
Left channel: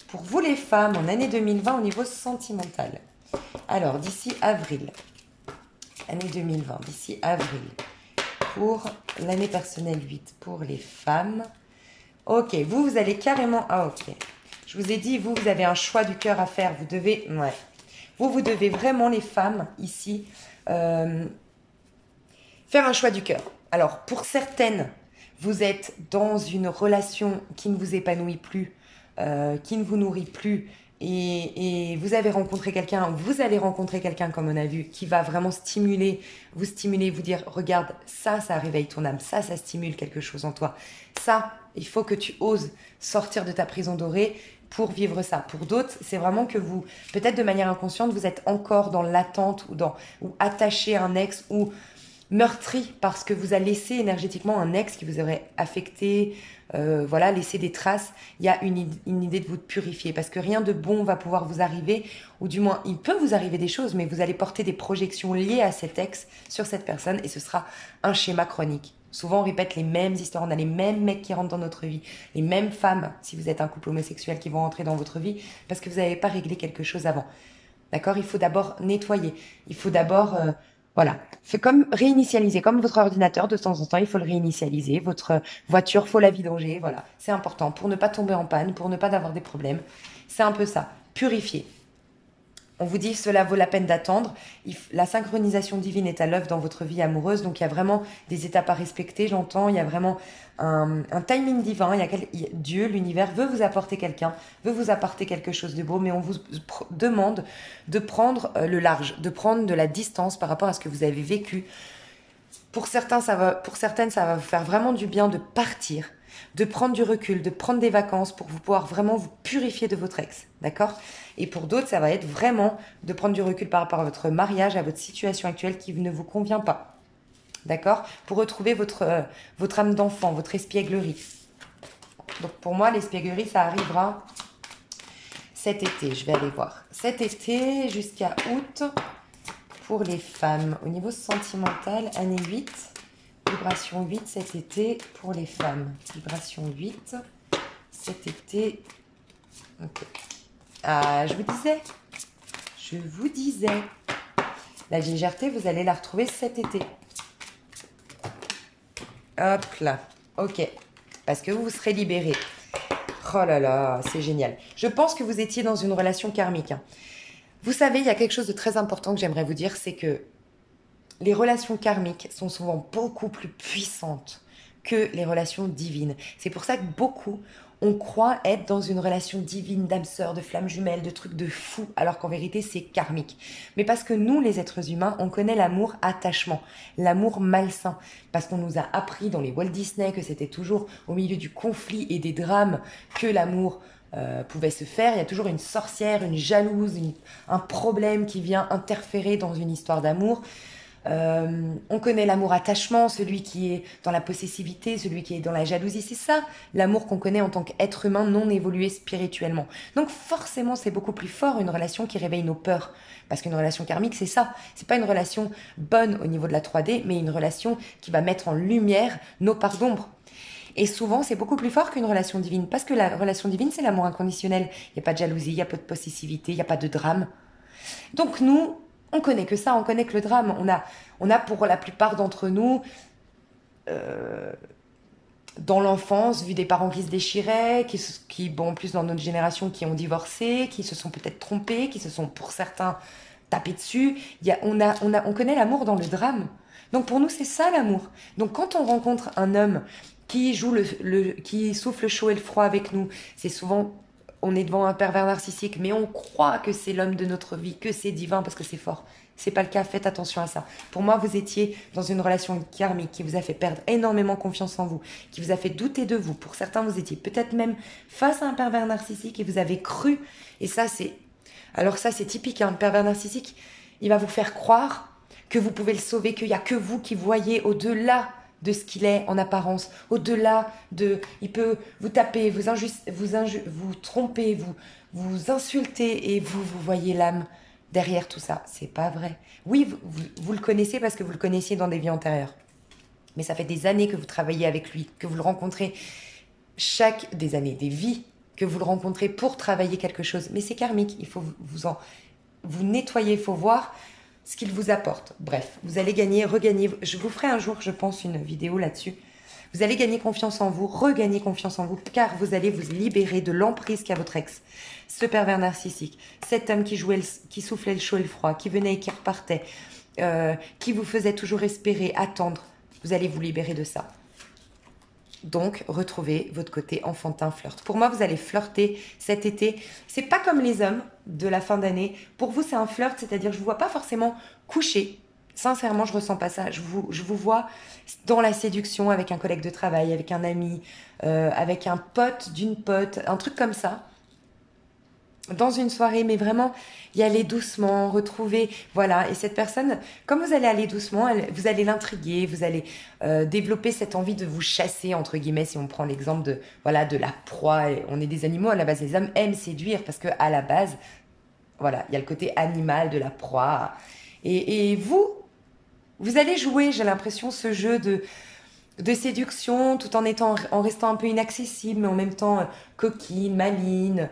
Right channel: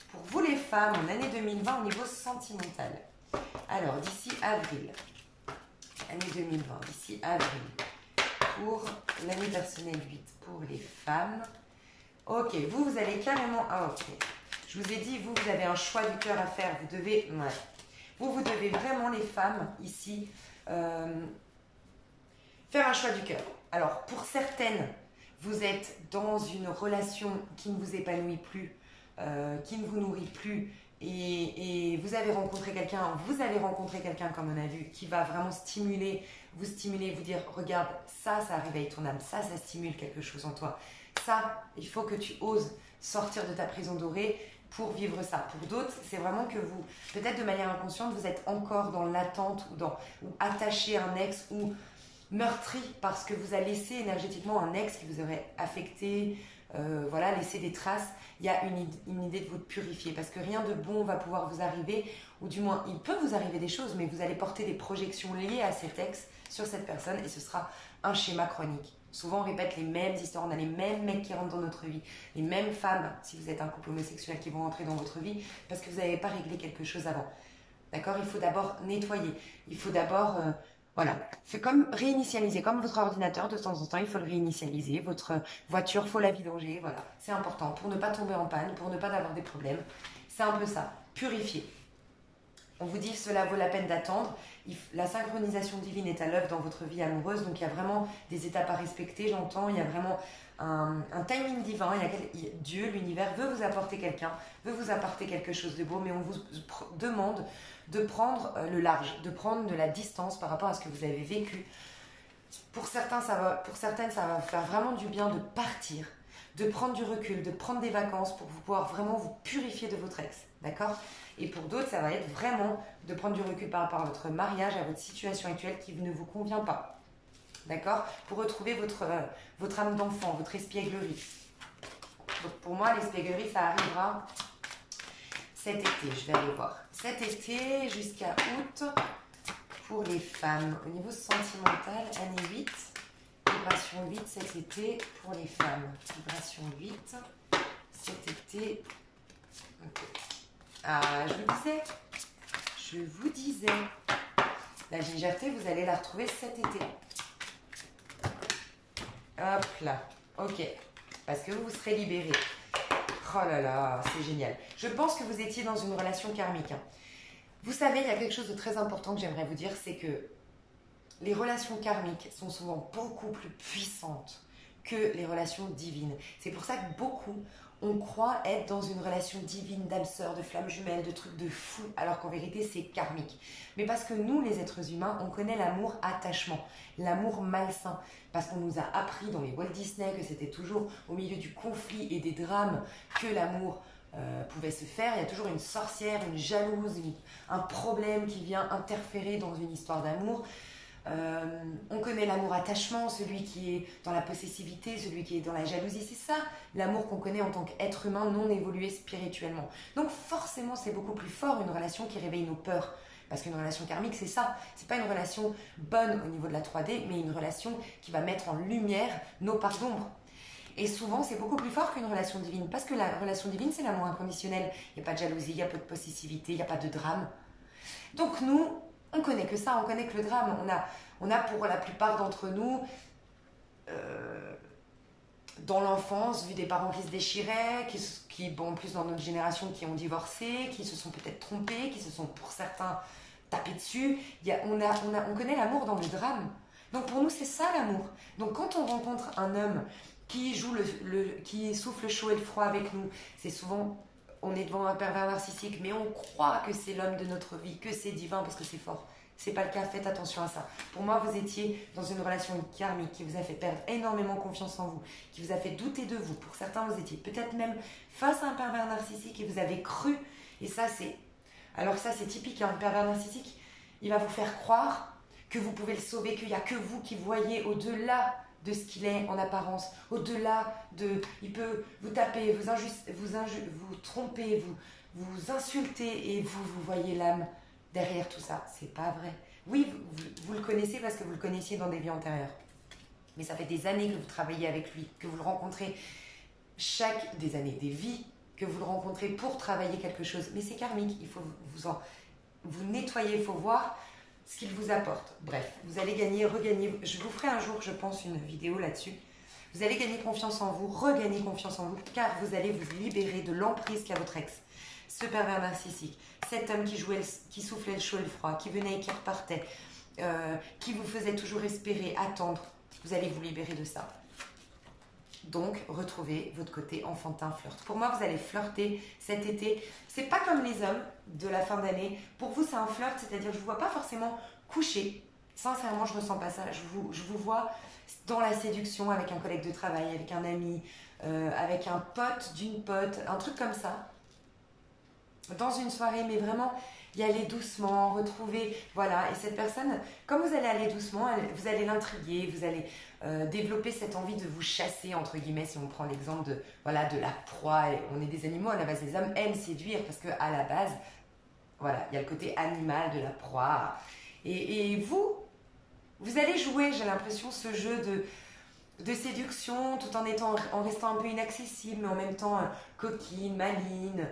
Pour vous les femmes, en année 2020 au niveau sentimental. Alors, d'ici avril, année 2020, d'ici avril, pour l'année personnelle 8, pour les femmes. Ok, vous allez carrément... Ah, ok. Je vous ai dit, vous avez un choix du cœur à faire. Vous devez... Ouais. Vous devez vraiment, les femmes, ici, faire un choix du cœur. Alors, pour certaines, vous êtes dans une relation qui ne vous épanouit plus, qui ne vous nourrit plus et vous allez rencontrer quelqu'un comme on a vu qui va vraiment vous dire regarde ça réveille ton âme, ça stimule quelque chose en toi, ça il faut que tu oses sortir de ta prison dorée pour vivre ça. Pour d'autres c'est vraiment que vous, peut-être de manière inconsciente, vous êtes encore dans l'attente ou attaché à un ex ou meurtri parce que vous a laissé énergétiquement un ex qui vous aurait affecté, voilà, laissé des traces. Il y a une idée de vous purifier parce que rien de bon va pouvoir vous arriver, ou du moins il peut vous arriver des choses, mais vous allez porter des projections liées à cet ex sur cette personne et ce sera un schéma chronique. Souvent, on répète les mêmes histoires, on a les mêmes mecs qui rentrent dans notre vie, les mêmes femmes, si vous êtes un couple homosexuel, qui vont rentrer dans votre vie parce que vous n'avez pas réglé quelque chose avant. D'accord? Il faut d'abord nettoyer. Il faut d'abord, voilà. C'est comme réinitialiser, comme votre ordinateur, de temps en temps, il faut le réinitialiser. Votre voiture, il faut la vidanger. Voilà. C'est important pour ne pas tomber en panne, pour ne pas avoir des problèmes. C'est un peu ça. Purifier. On vous dit cela vaut la peine d'attendre. La synchronisation divine est à l'œuvre dans votre vie amoureuse. Donc il y a vraiment des étapes à respecter, j'entends. Il y a vraiment un timing divin. Dieu, l'univers, veut vous apporter quelqu'un, veut vous apporter quelque chose de beau, mais on vous demande de prendre le large, de prendre de la distance par rapport à ce que vous avez vécu. Pour certaines, ça va vous faire vraiment du bien de partir, de prendre du recul, de prendre des vacances pour vous pouvoir vraiment vous purifier de votre ex, d'accord? Et pour d'autres, ça va être vraiment de prendre du recul par rapport à votre mariage, à votre situation actuelle qui ne vous convient pas, d'accord? Pour retrouver votre âme d'enfant, votre espièglerie. Donc pour moi, l'espièglerie, ça arrivera cet été, je vais aller voir. Cet été jusqu'à août pour les femmes. Au niveau sentimental, année 8. Vibration 8 cet été pour les femmes. Vibration 8 cet été. Ok. Ah, je vous disais. La légèreté, vous allez la retrouver cet été. Hop là. Ok. Parce que vous serez libéré. Oh là là, c'est génial. Je pense que vous étiez dans une relation karmique. Vous savez, il y a quelque chose de très important que j'aimerais vous dire, c'est que les relations karmiques sont souvent beaucoup plus puissantes que les relations divines. C'est pour ça que beaucoup, on croit être dans une relation divine, d'âme sœur, de flamme jumelle, de trucs de fou, alors qu'en vérité, c'est karmique. Mais parce que nous, les êtres humains, on connaît l'amour attachement, l'amour malsain. Parce qu'on nous a appris dans les Walt Disney que c'était toujours au milieu du conflit et des drames que l'amour pouvait se faire. Il y a toujours une sorcière, une jalouse, un problème qui vient interférer dans une histoire d'amour. On connaît l'amour attachement, celui qui est dans la possessivité, celui qui est dans la jalousie. C'est ça l'amour qu'on connaît en tant qu'être humain non évolué spirituellement. Donc forcément, c'est beaucoup plus fort une relation qui réveille nos peurs. Parce qu'une relation karmique, c'est ça. C'est pas une relation bonne au niveau de la 3D, mais une relation qui va mettre en lumière nos parts d'ombre. Et souvent, c'est beaucoup plus fort qu'une relation divine. Parce que la relation divine, c'est l'amour inconditionnel. Il n'y a pas de jalousie, il n'y a pas de possessivité, il n'y a pas de drame. Donc nous, on connaît que ça, on connaît que le drame. On a pour la plupart d'entre nous, dans l'enfance, vu des parents qui se déchiraient, qui bon, plus dans notre génération, qui ont divorcé, qui se sont peut-être trompés, qui se sont pour certains tapés dessus. On connaît l'amour dans le drame. Donc pour nous, c'est ça l'amour. Donc quand on rencontre un homme qui qui souffle le chaud et le froid avec nous, c'est souvent... On est devant un pervers narcissique, mais on croit que c'est l'homme de notre vie, que c'est divin parce que c'est fort. C'est pas le cas, faites attention à ça. Pour moi, vous étiez dans une relation karmique qui vous a fait perdre énormément confiance en vous, qui vous a fait douter de vous. Pour certains, vous étiez peut-être même face à un pervers narcissique et vous avez cru. Et ça, c'est... Alors ça, c'est typique, hein. Le pervers narcissique, il va vous faire croire que vous pouvez le sauver, qu'il n'y a que vous qui voyez au-delà de ce qu'il est en apparence, au-delà de... Il peut vous taper, vous tromper, vous insulter et vous voyez l'âme derrière tout ça. C'est pas vrai. Oui, vous le connaissez parce que vous le connaissiez dans des vies antérieures. Mais ça fait des années que vous travaillez avec lui, que vous le rencontrez des années, des vies, que vous le rencontrez pour travailler quelque chose. Mais c'est karmique, il faut vous nettoyer, il faut voir ce qu'il vous apporte. Bref, vous allez regagner, je vous ferai un jour, je pense, une vidéo là-dessus. Vous allez gagner confiance en vous, regagner confiance en vous, car vous allez vous libérer de l'emprise qu'a votre ex. Ce pervers narcissique, cet homme qui soufflait le chaud et le froid, qui venait et qui repartait, qui vous faisait toujours espérer, attendre. Vous allez vous libérer de ça. Donc, retrouvez votre côté enfantin flirt. Pour moi, vous allez flirter cet été. C'est pas comme les hommes de la fin d'année. Pour vous, c'est un flirt, c'est-à-dire je ne vous vois pas forcément coucher. Sincèrement, je ressens pas ça. Je vous vois dans la séduction avec un collègue de travail, avec un ami, avec un pote d'une pote, un truc comme ça. dans une soirée, mais vraiment y aller doucement, retrouver, voilà. Et cette personne, comme vous allez aller doucement, vous allez l'intriguer, vous allez développer cette envie de vous chasser, entre guillemets, si on prend l'exemple de, voilà, de la proie. Et on est des animaux, à la base, les hommes aiment séduire parce que à la base, voilà, il y a le côté animal de la proie. Et vous allez jouer, j'ai l'impression, ce jeu de séduction tout en restant un peu inaccessible, mais en même temps coquine, maligne.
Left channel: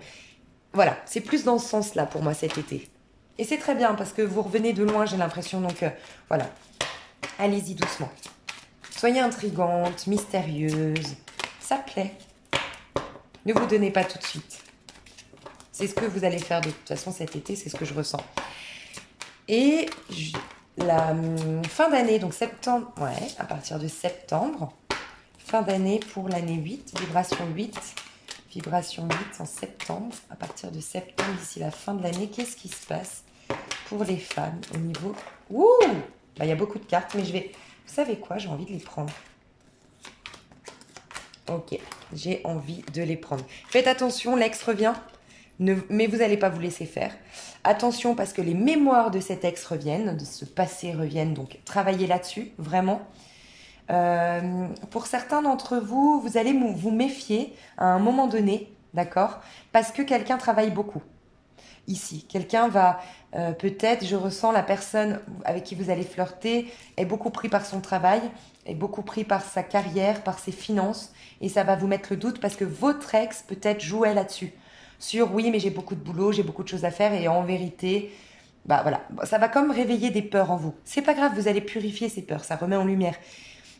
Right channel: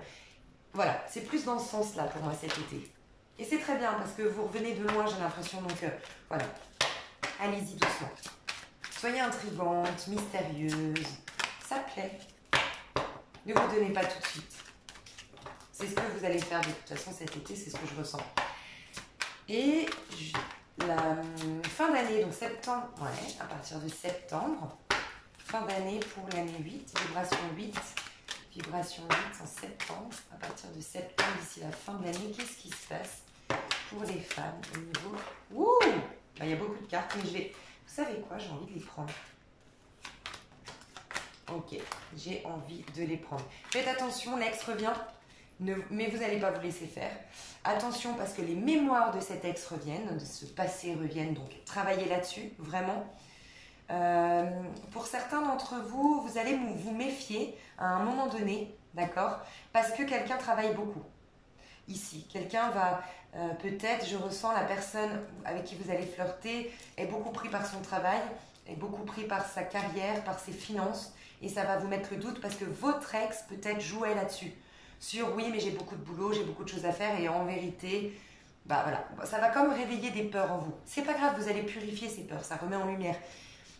Voilà, c'est plus dans ce sens-là pour moi cet été. Et c'est très bien parce que vous revenez de loin, j'ai l'impression. Donc voilà, allez-y doucement. Soyez intrigante, mystérieuse. Ça plaît. Ne vous donnez pas tout de suite. C'est ce que vous allez faire de toute façon cet été, c'est ce que je ressens. Et la fin d'année, donc septembre, ouais, à partir de septembre, fin d'année pour l'année 8, vibration 8. Vibration 8 en septembre. À partir de septembre, d'ici la fin de l'année, qu'est-ce qui se passe pour les femmes au niveau... Ouh, bah, il y a beaucoup de cartes, mais je vais... Vous savez quoi? J'ai envie de les prendre. Ok, j'ai envie de les prendre. Faites attention, l'ex revient, mais vous n'allez pas vous laisser faire. Attention parce que les mémoires de cet ex reviennent, de ce passé reviennent, donc travaillez là-dessus, vraiment. Pour certains d'entre vous, vous allez vous méfier à un moment donné, d'accord? Parce que quelqu'un travaille beaucoup. Ici, quelqu'un va peut-être, je ressens la personne avec qui vous allez flirter est beaucoup pris par son travail, est beaucoup pris par sa carrière, par ses finances, et ça va vous mettre le doute parce que votre ex peut-être jouait là-dessus. Sur oui, mais j'ai beaucoup de boulot, j'ai beaucoup de choses à faire, et en vérité, bah voilà, ça va comme réveiller des peurs en vous. C'est pas grave, vous allez purifier ces peurs, ça remet en lumière.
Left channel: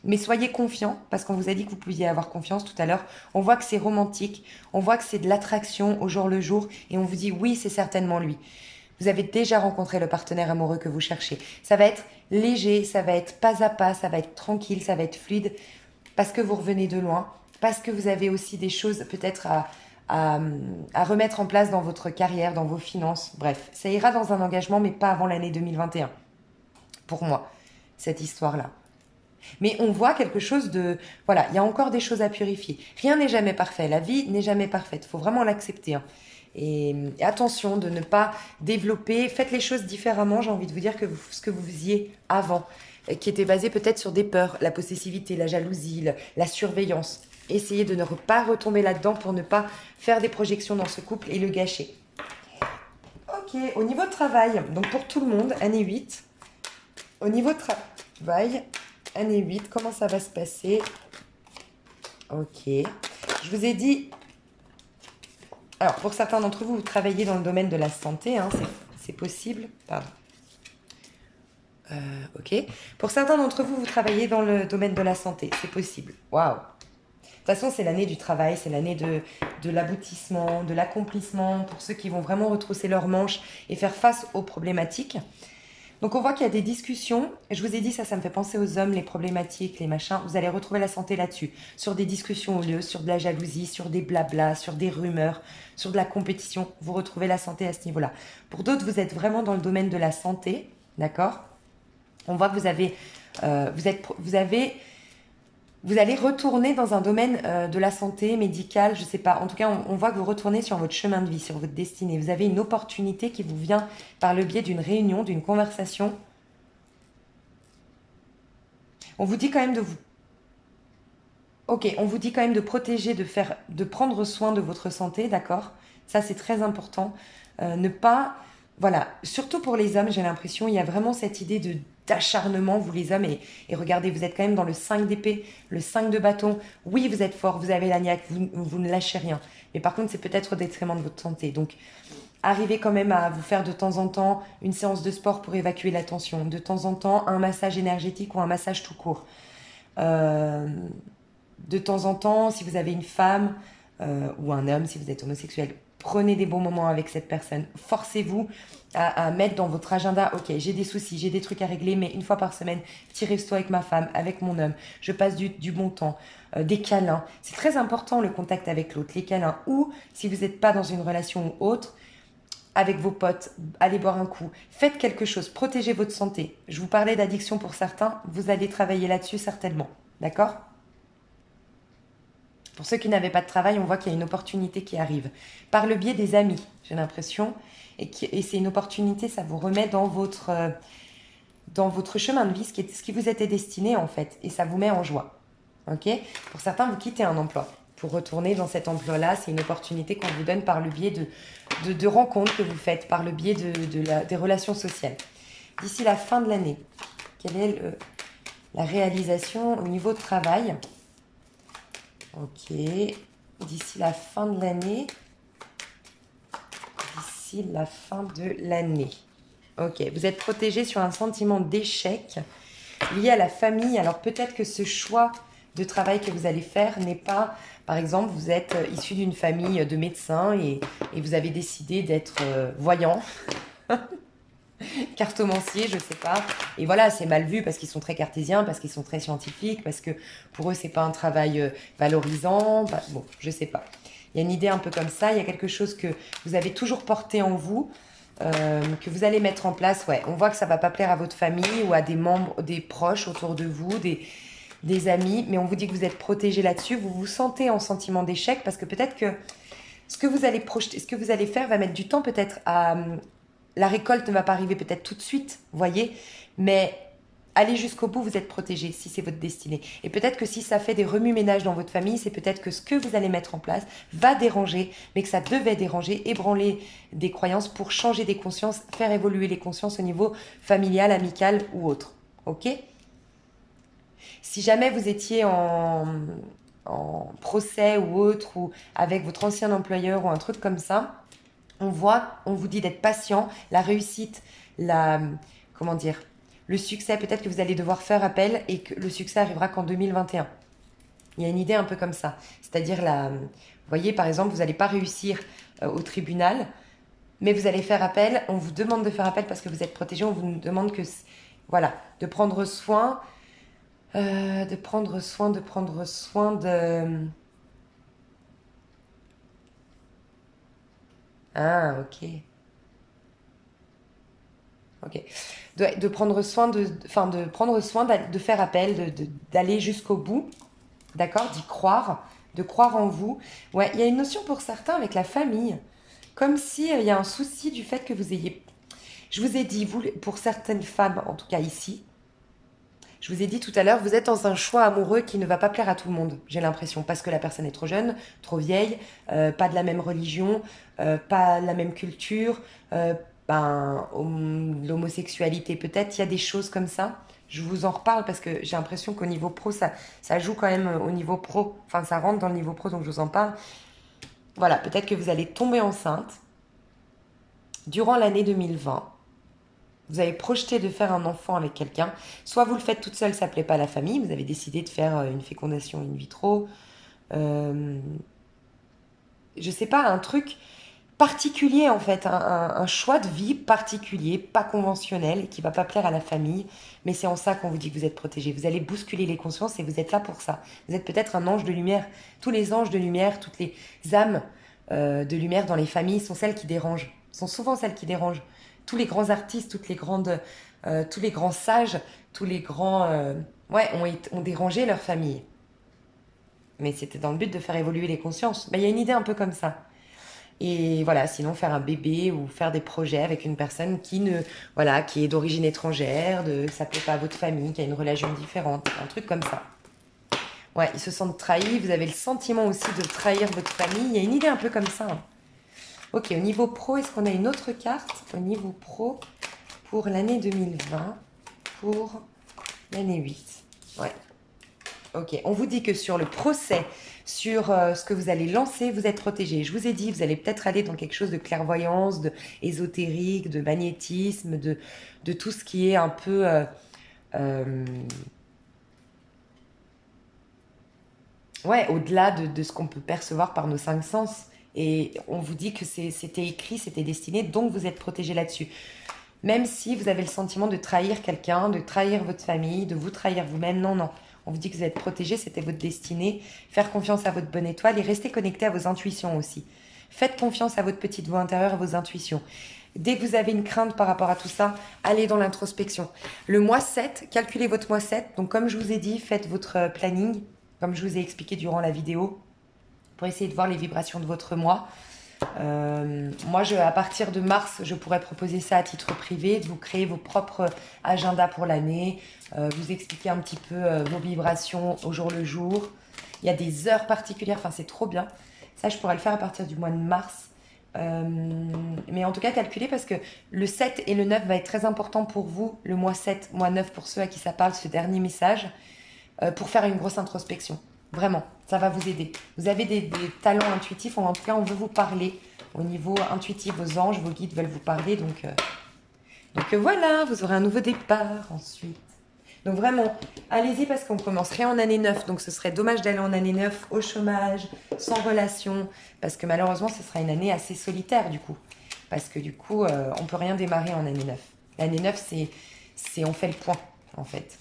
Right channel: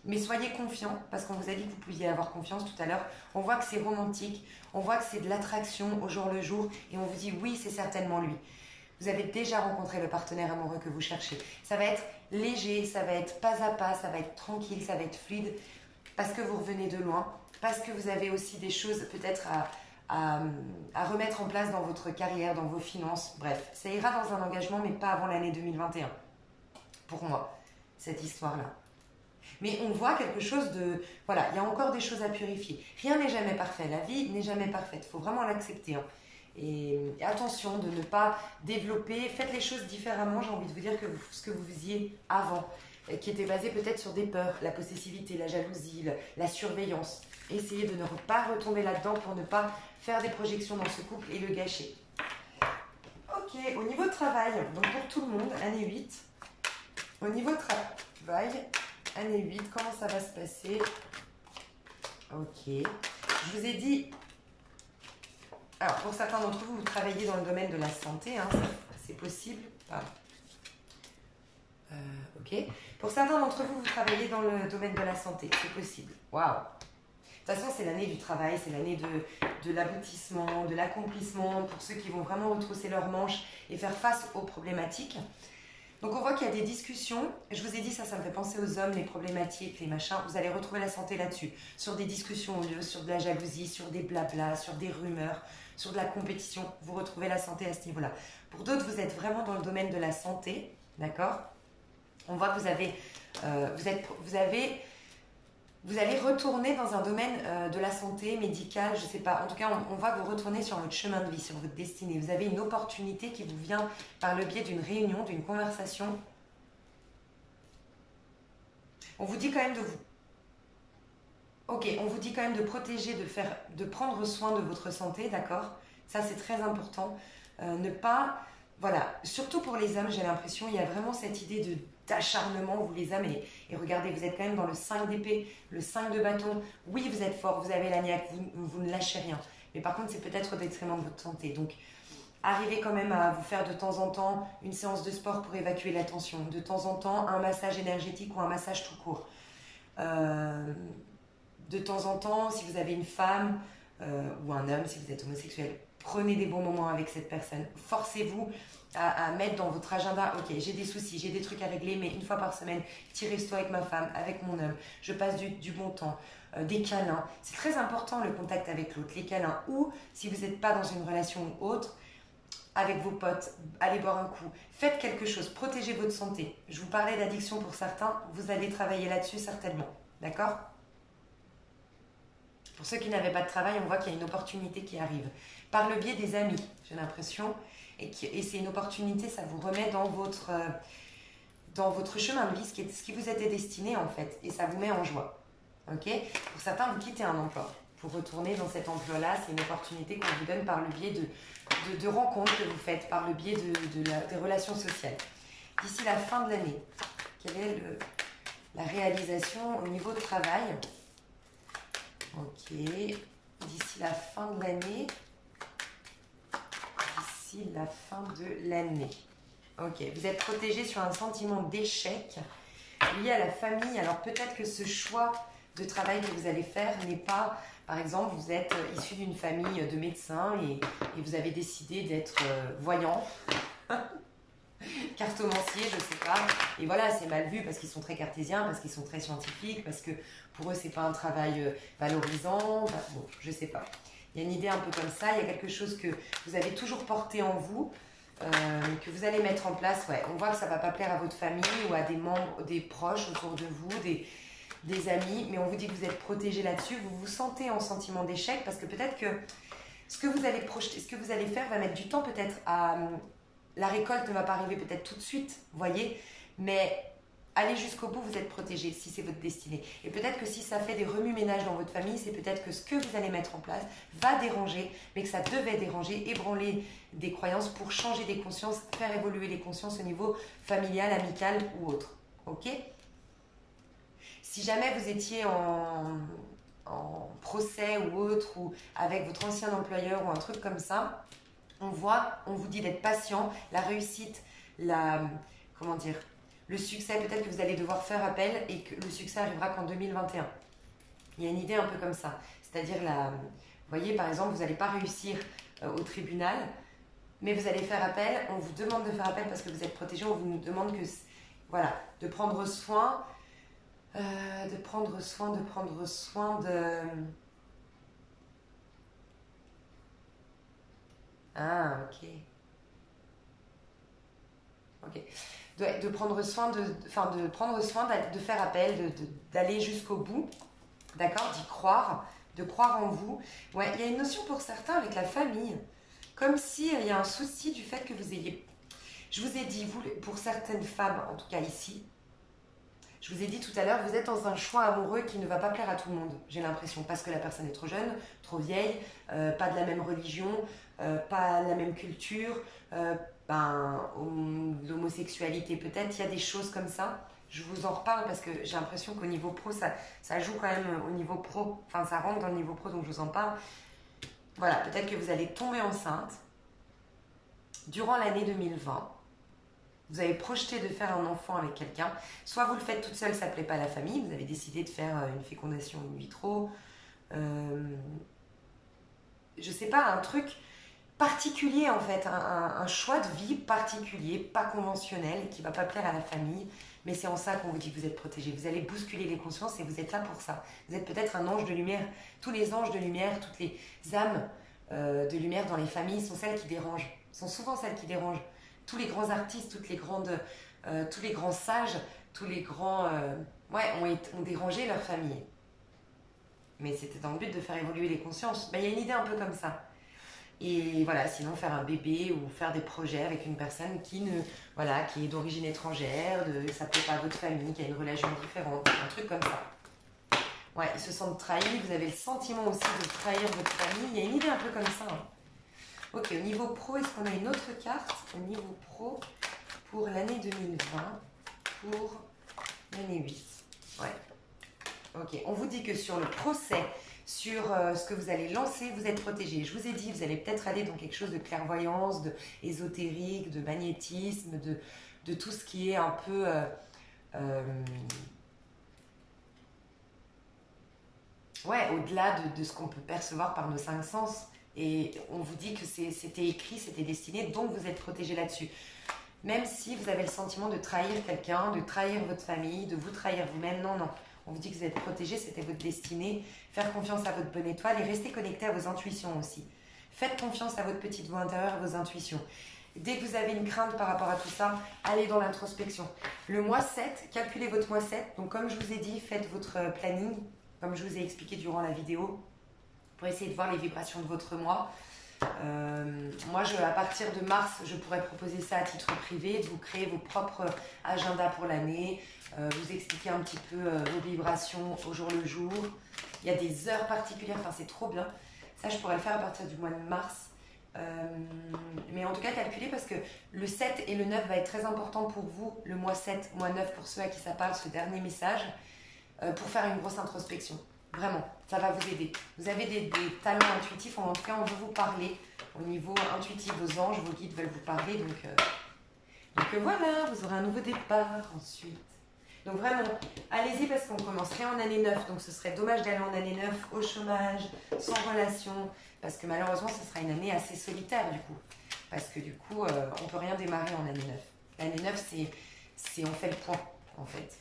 Mais soyez confiants, parce qu'on vous a dit que vous pouviez avoir confiance tout à l'heure. On voit que c'est romantique, on voit que c'est de l'attraction au jour le jour, et on vous dit oui, c'est certainement lui. Vous avez déjà rencontré le partenaire amoureux que vous cherchez. Ça va être léger, ça va être pas à pas, ça va être tranquille, ça va être fluide, parce que vous revenez de loin, parce que vous avez aussi des choses peut-être à remettre en place dans votre carrière, dans vos finances. Bref, ça ira dans un engagement, mais pas avant l'année 2021. Pour moi, cette histoire-là. Mais on voit quelque chose de... Voilà, il y a encore des choses à purifier. Rien n'est jamais parfait. La vie n'est jamais parfaite. Il faut vraiment l'accepter. Hein. Et attention de ne pas développer... Faites les choses différemment, j'ai envie de vous dire, que ce que vous faisiez avant, qui était basé peut-être sur des peurs, la possessivité, la jalousie, la surveillance. Essayez de ne pas retomber là-dedans pour ne pas faire des projections dans ce couple et le gâcher. Ok, au niveau de travail, donc pour tout le monde, année 8, au niveau de travail... Année 8, comment ça va se passer? Ok. Je vous ai dit... Alors, pour certains d'entre vous, vous travaillez dans le domaine de la santé. Hein, c'est possible. Pardon. Ok. Pour certains d'entre vous, vous travaillez dans le domaine de la santé. C'est possible. Waouh. De toute façon, c'est l'année du travail. C'est l'année de l'aboutissement, de l'accomplissement. Pour ceux qui vont vraiment retrousser leurs manches et faire face aux problématiques. Donc on voit qu'il y a des discussions, je vous ai dit ça me fait penser aux hommes, les problématiques, les machins, vous allez retrouver la santé là-dessus, sur des discussions au lieu, sur de la jalousie, sur des blablas, sur des rumeurs, sur de la compétition, vous retrouvez la santé à ce niveau-là. Pour d'autres, vous êtes vraiment dans le domaine de la santé, d'accord? On voit que vous allez retourner dans un domaine de la santé, médicale, je ne sais pas. En tout cas, on voit que vous retournez sur votre chemin de vie, sur votre destinée. Vous avez une opportunité qui vous vient par le biais d'une réunion, d'une conversation. On vous dit quand même de vous... Ok, on vous dit quand même de protéger, de prendre soin de votre santé, d'accord? Ça, c'est très important. Ne pas... Voilà, surtout pour les hommes, j'ai l'impression, il y a vraiment cette idée d'acharnement, vous les hommes, et regardez, vous êtes quand même dans le 5 d'épée, le 5 de bâton. Oui, vous êtes fort, vous avez la niaque, vous ne lâchez rien. Mais par contre, c'est peut-être au détriment de votre santé. Donc, arrivez quand même à vous faire de temps en temps une séance de sport pour évacuer la tension. De temps en temps, un massage énergétique ou un massage tout court. De temps en temps, si vous avez une femme ou un homme, si vous êtes homosexuel, prenez des bons moments avec cette personne. Forcez-vous à mettre dans votre agenda, ok, j'ai des soucis, j'ai des trucs à régler, mais une fois par semaine, petit resto avec ma femme, avec mon homme, je passe du bon temps, des câlins. C'est très important le contact avec l'autre, les câlins. Ou si vous n'êtes pas dans une relation ou autre, avec vos potes, allez boire un coup, faites quelque chose, protégez votre santé. Je vous parlais d'addiction pour certains, vous allez travailler là-dessus certainement, d'accord? Pour ceux qui n'avaient pas de travail, on voit qu'il y a une opportunité qui arrive. Par le biais des amis, j'ai l'impression. Et c'est une opportunité, ça vous remet dans votre chemin de vie, ce qui vous était destiné en fait. Et ça vous met en joie. Ok? Pour certains, vous quittez un emploi. Pour retourner dans cet emploi-là, c'est une opportunité qu'on vous donne par le biais de rencontres que vous faites, par le biais des relations sociales. D'ici la fin de l'année, quelle est la réalisation au niveau de travail? Ok. D'ici la fin de l'année. D'ici la fin de l'année. Ok. Vous êtes protégé sur un sentiment d'échec lié à la famille. Alors peut-être que ce choix de travail que vous allez faire n'est pas... Par exemple, vous êtes issu d'une famille de médecins et vous avez décidé d'être voyant, cartomancier, je ne sais pas. Et voilà, c'est mal vu parce qu'ils sont très cartésiens, parce qu'ils sont très scientifiques, parce que pour eux, ce n'est pas un travail valorisant. Bah, bon, je ne sais pas. Il y a une idée un peu comme ça. Il y a quelque chose que vous avez toujours porté en vous, que vous allez mettre en place. Ouais, on voit que ça ne va pas plaire à votre famille ou à des membres, des proches autour de vous, des amis, mais on vous dit que vous êtes protégé là-dessus, vous vous sentez en sentiment d'échec parce que peut-être que ce que vous allez projeter, ce que vous allez faire va mettre du temps peut-être à... La récolte ne va pas arriver peut-être tout de suite, voyez, mais allez jusqu'au bout, vous êtes protégé si c'est votre destinée. Et peut-être que si ça fait des remue-ménages dans votre famille, c'est peut-être que ce que vous allez mettre en place va déranger, mais que ça devait déranger, ébranler des croyances pour changer des consciences, faire évoluer les consciences au niveau familial, amical ou autre. Ok ? Si jamais vous étiez en procès ou autre, ou avec votre ancien employeur ou un truc comme ça, on vous dit d'être patient, la réussite, comment dire, le succès, peut-être que vous allez devoir faire appel et que le succès arrivera qu'en 2021. Il y a une idée un peu comme ça. C'est-à-dire, vous voyez, par exemple, vous n'allez pas réussir au tribunal, mais vous allez faire appel, on vous demande de faire appel parce que vous êtes protégé, on vous demande voilà, de prendre soin... de prendre soin de... Ah, ok. Ok. De prendre soin de prendre soin de faire appel, d'aller jusqu'au bout, d'accord, d'y croire, de croire en vous. Ouais, il y a une notion pour certains avec la famille, comme si il y a un souci du fait que vous ayez... Je vous ai dit, vous, pour certaines femmes, en tout cas ici, je vous ai dit tout à l'heure, vous êtes dans un choix amoureux qui ne va pas plaire à tout le monde, j'ai l'impression, parce que la personne est trop jeune, trop vieille, pas de la même religion, pas la même culture, l'homosexualité peut-être, il y a des choses comme ça. Je vous en reparle parce que j'ai l'impression qu'au niveau pro, ça joue quand même au niveau pro, enfin ça rentre dans le niveau pro, donc je vous en parle. Voilà, peut-être que vous allez tomber enceinte durant l'année 2020. Vous avez projeté de faire un enfant avec quelqu'un. Soit vous le faites toute seule, ça ne plaît pas à la famille. Vous avez décidé de faire une fécondation in vitro. Je ne sais pas, un truc particulier en fait. Un choix de vie particulier, pas conventionnel, qui ne va pas plaire à la famille. Mais c'est en ça qu'on vous dit que vous êtes protégé. Vous allez bousculer les consciences et vous êtes là pour ça. Vous êtes peut-être un ange de lumière. Tous les anges de lumière, toutes les âmes de lumière dans les familles sont celles qui dérangent. Sont souvent celles qui dérangent. Tous les grands artistes, tous les grands sages, tous les grands ont dérangé leur famille. Mais c'était dans le but de faire évoluer les consciences. Il y a une idée un peu comme ça. Et voilà, sinon faire un bébé ou faire des projets avec une personne qui est d'origine étrangère, ça ne plaît pas à votre famille, qui a une religion différente, un truc comme ça. Ouais, ils se sentent trahis, vous avez le sentiment aussi de trahir votre famille. Il y a une idée un peu comme ça. Hein. Ok, au niveau pro, est-ce qu'on a une autre carte au niveau pro pour l'année 2020, pour l'année 8? Ouais. Ok, on vous dit que sur le procès, sur ce que vous allez lancer, vous êtes protégé. Je vous ai dit, vous allez peut-être aller dans quelque chose de clairvoyance, de ésotérique, de magnétisme, de tout ce qui est un peu... au-delà de ce qu'on peut percevoir par nos 5 sens. Et on vous dit que c'était écrit, c'était destiné, donc vous êtes protégé là-dessus. Même si vous avez le sentiment de trahir quelqu'un, de trahir votre famille, de vous trahir vous-même, non. On vous dit que vous êtes protégé, c'était votre destinée. Faire confiance à votre bonne étoile et rester connecté à vos intuitions aussi. Faites confiance à votre petite voix intérieure, à vos intuitions. Dès que vous avez une crainte par rapport à tout ça, allez dans l'introspection. Le mois 7, calculez votre mois 7. Donc comme je vous ai dit, faites votre planning, comme je vous ai expliqué durant la vidéo. pour essayer de voir les vibrations de votre mois. Moi, à partir de mars, je pourrais proposer ça à titre privé, de vous créer vos propres agendas pour l'année, vous expliquer un petit peu vos vibrations au jour le jour. Il y a des heures particulières, enfin c'est trop bien. Ça, je pourrais le faire à partir du mois de mars. Mais en tout cas, calculez parce que le 7 et le 9 va être très important pour vous. Le mois 7, mois 9 pour ceux à qui ça parle, ce dernier message, pour faire une grosse introspection. Vraiment, ça va vous aider. Vous avez des talents intuitifs, en tout cas, on veut vous parler. Au niveau intuitif, vos anges, vos guides veulent vous parler. Donc voilà, vous aurez un nouveau départ ensuite. Donc vraiment, allez-y parce qu'on commencerait en année 9. Donc ce serait dommage d'aller en année 9 au chômage, sans relation. Parce que malheureusement, ce sera une année assez solitaire du coup. Parce que du coup, on ne peut rien démarrer en année 9. L'année 9, c'est on fait le point en fait.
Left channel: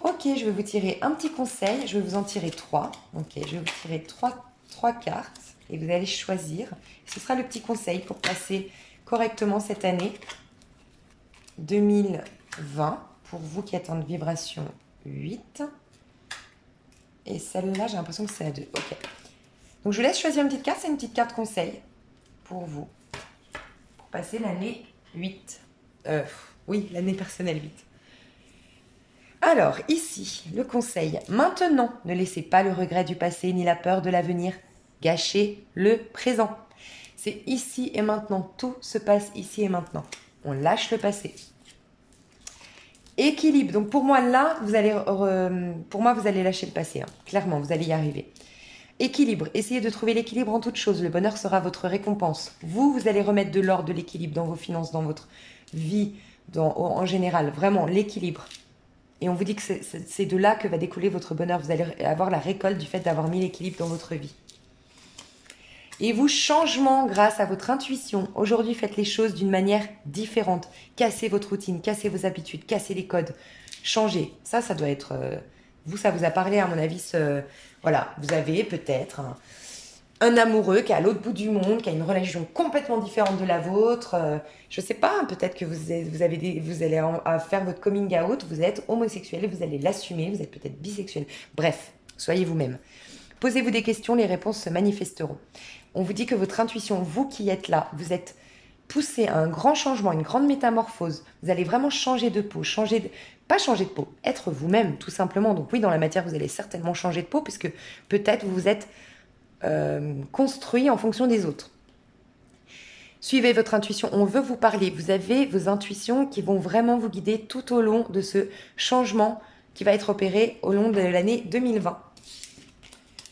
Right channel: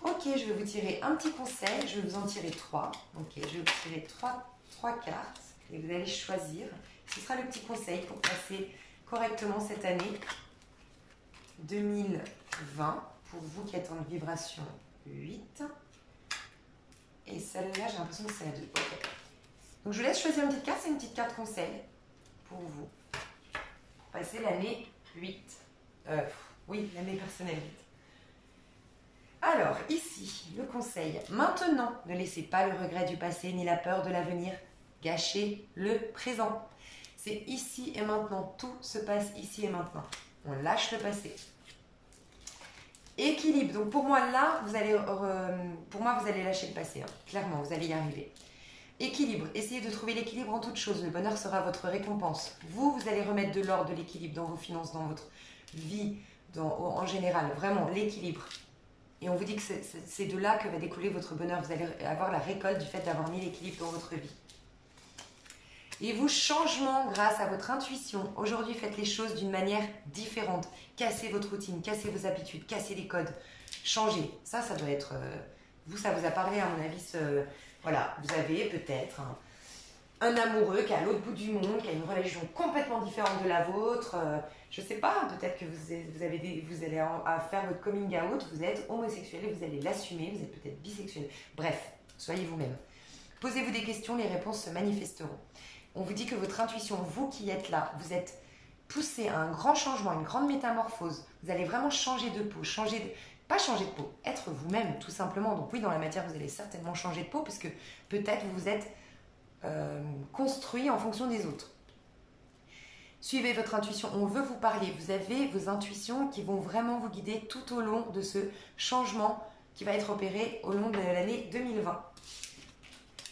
Ok, je vais vous tirer un petit conseil. Je vais vous en tirer 3. Ok, je vais vous tirer 3 cartes. Et vous allez choisir. Ce sera le petit conseil pour passer correctement cette année 2020. Pour vous qui êtes en vibration 8. Et celle-là, j'ai l'impression que c'est la 2. Ok. Donc, je vous laisse choisir une petite carte. C'est une petite carte conseil pour vous. Pour passer l'année 8. Oui, l'année personnelle 8. Alors, ici, le conseil. Maintenant, ne laissez pas le regret du passé ni la peur de l'avenir gâcher le présent. C'est ici et maintenant. Tout se passe ici et maintenant. On lâche le passé. Équilibre. Donc pour moi là, vous allez lâcher le passé. Hein. Clairement, vous allez y arriver. Équilibre. Essayez de trouver l'équilibre en toutes choses. Le bonheur sera votre récompense. Vous allez remettre de l'ordre, de l'équilibre dans vos finances, dans votre vie, en général. Vraiment, l'équilibre. Et on vous dit que c'est de là que va découler votre bonheur. Vous allez avoir la récolte du fait d'avoir mis l'équilibre dans votre vie. Et vous, changement grâce à votre intuition. Aujourd'hui, faites les choses d'une manière différente. Cassez votre routine, cassez vos habitudes, cassez les codes. Changez. Ça doit être... vous, ça vous a parlé, à mon avis. Voilà, vous avez peut-être un amoureux qui est à l'autre bout du monde, qui a une religion complètement différente de la vôtre. Je ne sais pas, peut-être que vous allez faire votre coming out, vous êtes homosexuel et vous allez l'assumer, vous êtes peut-être bisexuel. Bref, soyez vous-même. Posez-vous des questions, les réponses se manifesteront. On vous dit que votre intuition, vous qui êtes là, vous êtes poussé à un grand changement, une grande métamorphose. Vous allez vraiment changer de peau, pas changer de peau, être vous-même tout simplement. Donc oui, dans la matière, vous allez certainement changer de peau puisque peut-être vous vous êtes construit en fonction des autres. Suivez votre intuition, on veut vous parler. Vous avez vos intuitions qui vont vraiment vous guider tout au long de ce changement qui va être opéré au long de l'année 2020.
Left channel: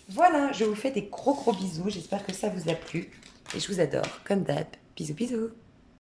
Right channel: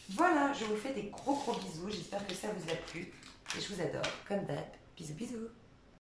Voilà, je vous fais des gros bisous. J'espère que ça vous a plu. Et je vous adore, comme d'hab. Bisous, bisous.